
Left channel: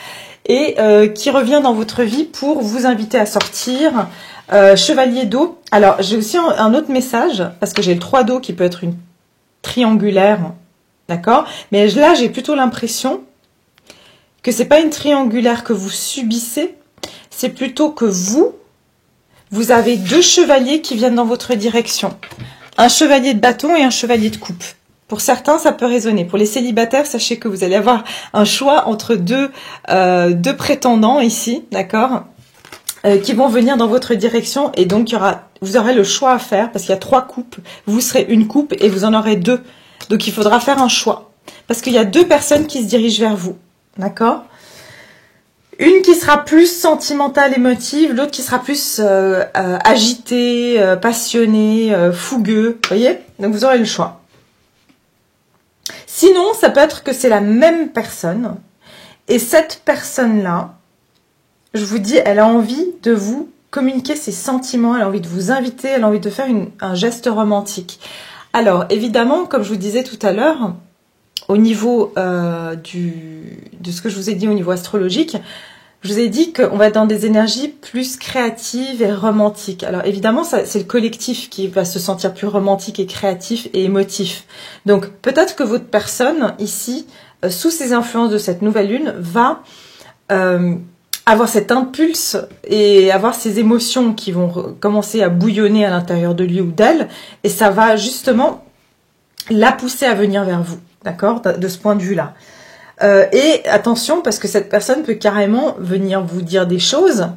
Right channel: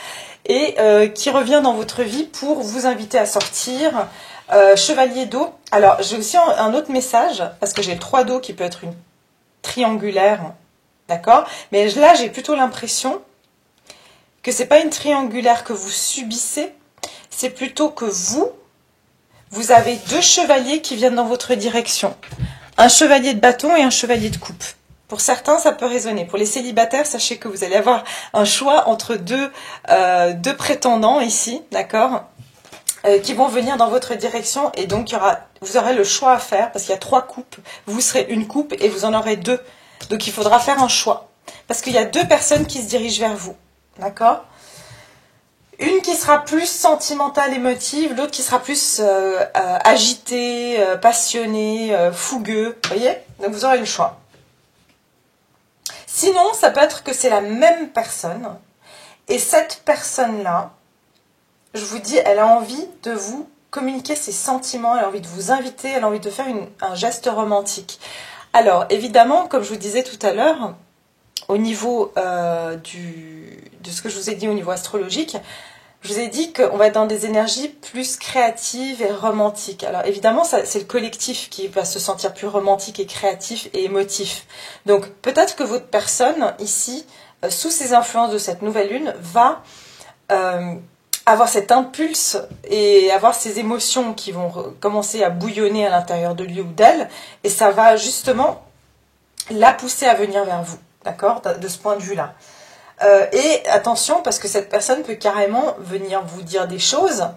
et qui revient dans votre vie pour vous inviter à sortir. Chevalier d'eau. Alors, j'ai aussi un autre message, parce que j'ai le 3 d'eau qui peut être une triangulaire, d'accord? Mais là, j'ai plutôt l'impression que c'est pas une triangulaire que vous subissez, c'est plutôt que vous avez 2 chevaliers qui viennent dans votre direction. Un chevalier de bâton et un chevalier de coupe. Pour certains, ça peut résonner. Pour les célibataires, sachez que vous allez avoir un choix entre deux prétendants ici, d'accord? Qui vont venir dans votre direction et donc vous aurez le choix à faire parce qu'il y a 3 coupes, vous serez une coupe et vous en aurez 2. Donc il faudra faire un choix parce qu'il y a 2 personnes qui se dirigent vers vous, d'accord? Une qui sera plus sentimentale, émotive, l'autre qui sera plus agitée, passionnée, fougueux, vous voyez? Donc vous aurez le choix. Sinon, ça peut être que c'est la même personne et cette personne-là, je vous dis, elle a envie de vous communiquer ses sentiments, elle a envie de vous inviter, elle a envie de faire un geste romantique. Alors, évidemment, comme je vous disais tout à l'heure, au niveau de ce que je vous ai dit au niveau astrologique, je vous ai dit qu'on va être dans des énergies plus créatives et romantiques. Alors, évidemment, c'est le collectif qui va se sentir plus romantique et créatif et émotif. Donc, peut-être que votre personne, ici, sous ces influences de cette nouvelle lune, va avoir cet impulse et avoir ces émotions qui vont commencer à bouillonner à l'intérieur de lui ou d'elle, et ça va justement la pousser à venir vers vous, d'accord, de ce point de vue-là. Et attention, parce que cette personne peut carrément venir vous dire des choses.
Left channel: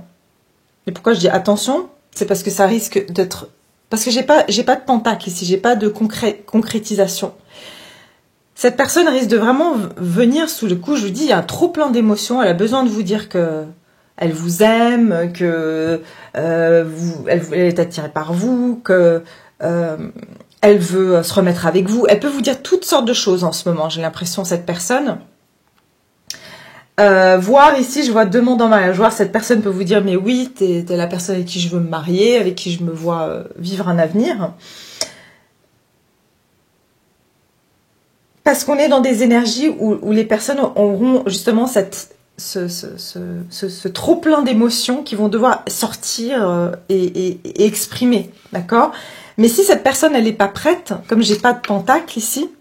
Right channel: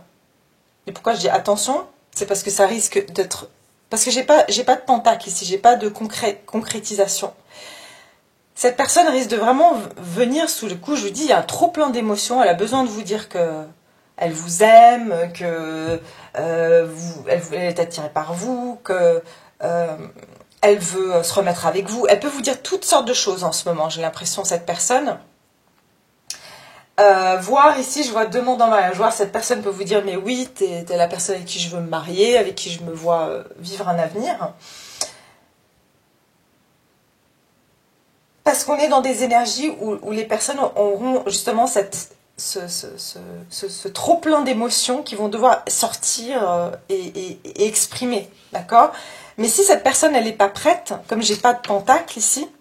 Et pourquoi je dis attention? C'est parce que ça risque d'être... Parce que j'ai pas de pentacle ici, j'ai pas de concrétisation. Cette personne risque de vraiment venir sous le coup, je vous dis, il y a trop plein d'émotions, elle a besoin de vous dire que elle vous aime, que elle est attirée par vous, que elle veut se remettre avec vous. Elle peut vous dire toutes sortes de choses en ce moment, j'ai l'impression, cette personne. Voir ici, je vois demande en mariage. Voir cette personne peut vous dire, mais oui, t'es la personne avec qui je veux me marier, avec qui je me vois vivre un avenir. Parce qu'on est dans des énergies où les personnes auront justement ce trop plein d'émotions qui vont devoir sortir et exprimer, d'accord? Mais si cette personne, elle n'est pas prête, comme j'ai pas de pentacle ici,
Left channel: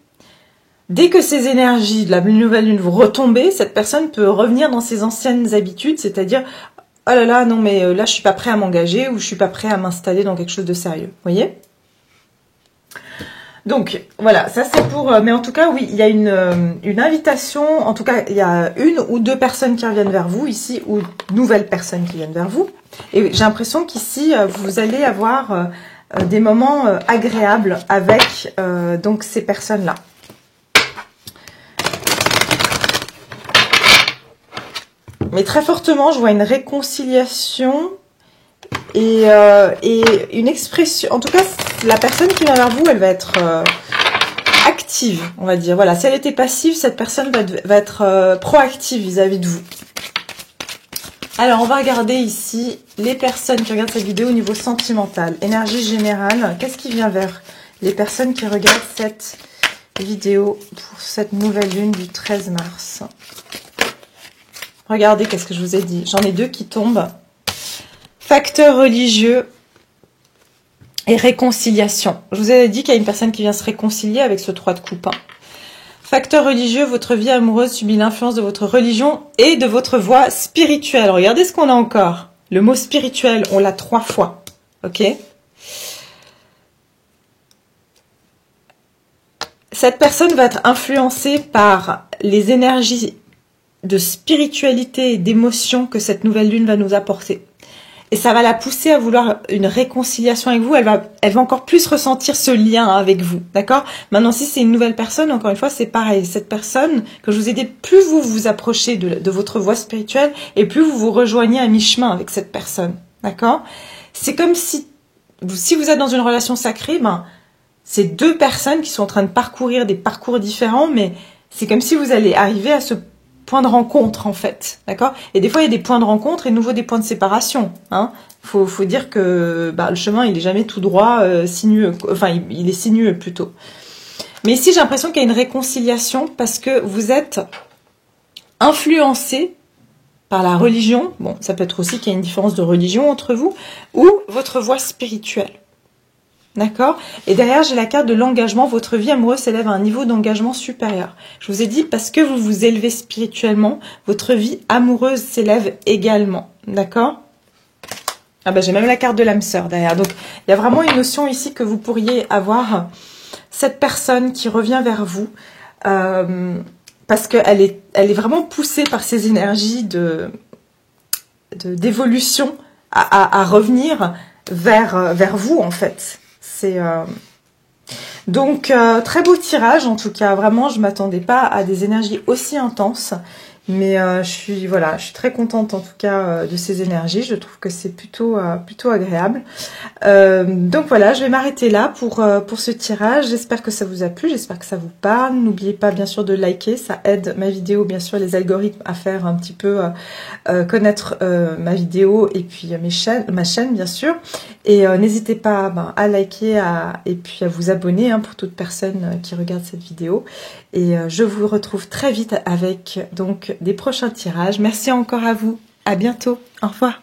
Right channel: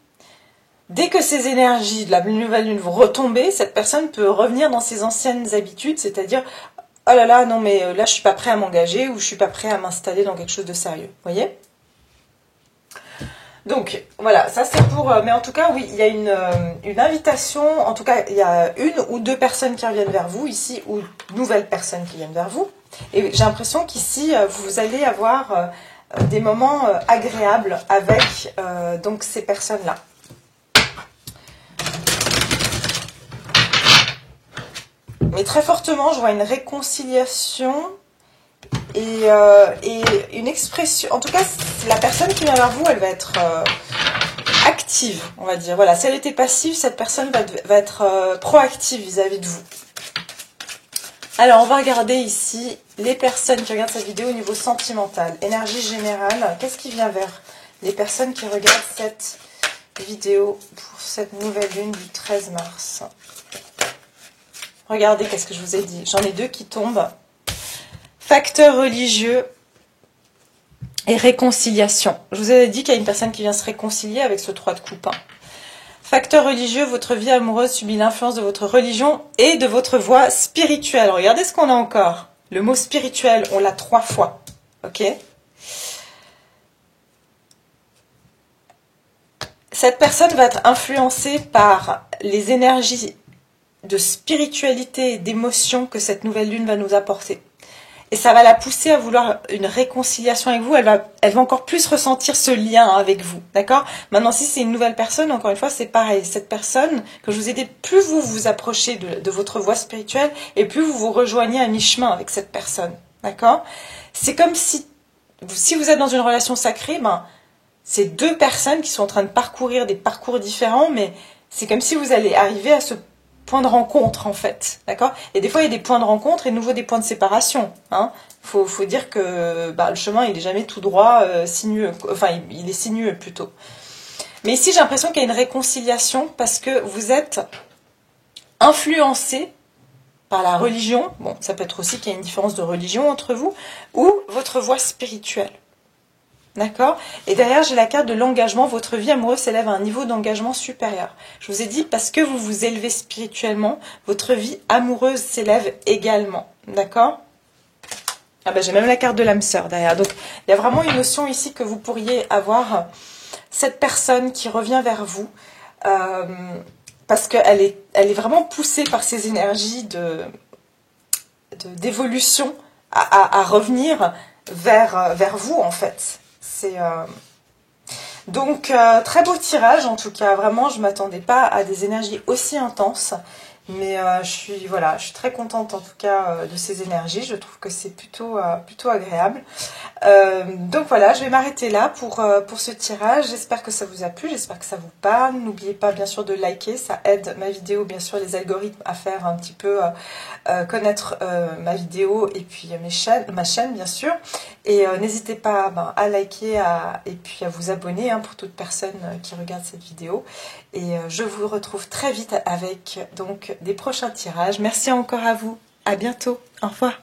dès que ces énergies de la nouvelle lune vont retomber, cette personne peut revenir dans ses anciennes habitudes, c'est-à-dire, oh là là, non mais là je suis pas prêt à m'engager ou je suis pas prêt à m'installer dans quelque chose de sérieux, vous voyez? Donc voilà, ça c'est pour... mais en tout cas, oui, il y a une invitation, en tout cas, il y a une ou deux personnes qui reviennent vers vous ici, ou nouvelles personnes qui viennent vers vous. Et j'ai l'impression qu'ici, vous allez avoir des moments agréables avec donc ces personnes-là. Mais très fortement, je vois une réconciliation et une expression. En tout cas, la personne qui vient vers vous, elle va être active, on va dire. Voilà, si elle était passive, cette personne va être proactive vis-à-vis de vous. Alors, on va regarder ici les personnes qui regardent cette vidéo au niveau sentimental. Énergie générale, qu'est-ce qui vient vers les personnes qui regardent cette vidéo pour cette nouvelle lune du 13 mars? Regardez, qu'est-ce que je vous ai dit? J'en ai deux qui tombent. Facteur religieux et réconciliation. Je vous ai dit qu'il y a une personne qui vient se réconcilier avec ce 3 de coupe. Facteur religieux, votre vie amoureuse subit l'influence de votre religion et de votre voie spirituelle. Regardez ce qu'on a encore. Le mot spirituel, on l'a 3 fois. Ok? Cette personne va être influencée par les énergies de spiritualité et d'émotion que cette nouvelle lune va nous apporter. Et ça va la pousser à vouloir une réconciliation avec vous. Elle va encore plus ressentir ce lien avec vous, d'accord? Maintenant, si c'est une nouvelle personne, encore une fois, c'est pareil. Cette personne que je vous ai dit, plus vous vous approchez de votre voie spirituelle et plus vous vous rejoignez à mi-chemin avec cette personne, d'accord? C'est comme si vous êtes dans une relation sacrée, ben, c'est deux personnes qui sont en train de parcourir des parcours différents, mais c'est comme si vous allez arriver à ce point de rencontre, en fait, d'accord? Et des fois, il y a des points de rencontre et de nouveau des points de séparation, hein. Faut dire que le chemin, il est jamais tout droit, sinueux, enfin, il est sinueux, plutôt. Mais ici, j'ai l'impression qu'il y a une réconciliation parce que vous êtes influencé par la religion, bon, ça peut être aussi qu'il y a une différence de religion entre vous, ou votre voie spirituelle. D'accord? Et derrière, j'ai la carte de l'engagement. Votre vie amoureuse s'élève à un niveau d'engagement supérieur. Je vous ai dit, parce que vous vous élevez spirituellement, votre vie amoureuse s'élève également. D'accord? Ah ben, j'ai même la carte de l'âme sœur derrière. Donc, il y a vraiment une notion ici que vous pourriez avoir cette personne qui revient vers vous parce qu'elle est vraiment poussée par ces énergies d'évolution à revenir vers vous, en fait. Donc, très beau tirage, en tout cas. Vraiment, je ne m'attendais pas à des énergies aussi intenses. Mais je suis très contente, en tout cas, de ces énergies. Je trouve que c'est plutôt agréable. Donc voilà, je vais m'arrêter là pour ce tirage. J'espère que ça vous a plu, j'espère que ça vous parle. N'oubliez pas, bien sûr, de liker. Ça aide ma vidéo, bien sûr, les algorithmes à faire un petit peu connaître ma vidéo et puis ma chaîne, bien sûr. Et n'hésitez pas à liker et puis à vous abonner pour toute personne qui regarde cette vidéo. Et je vous retrouve très vite avec donc des prochains tirages. Merci encore à vous. À bientôt. Au revoir.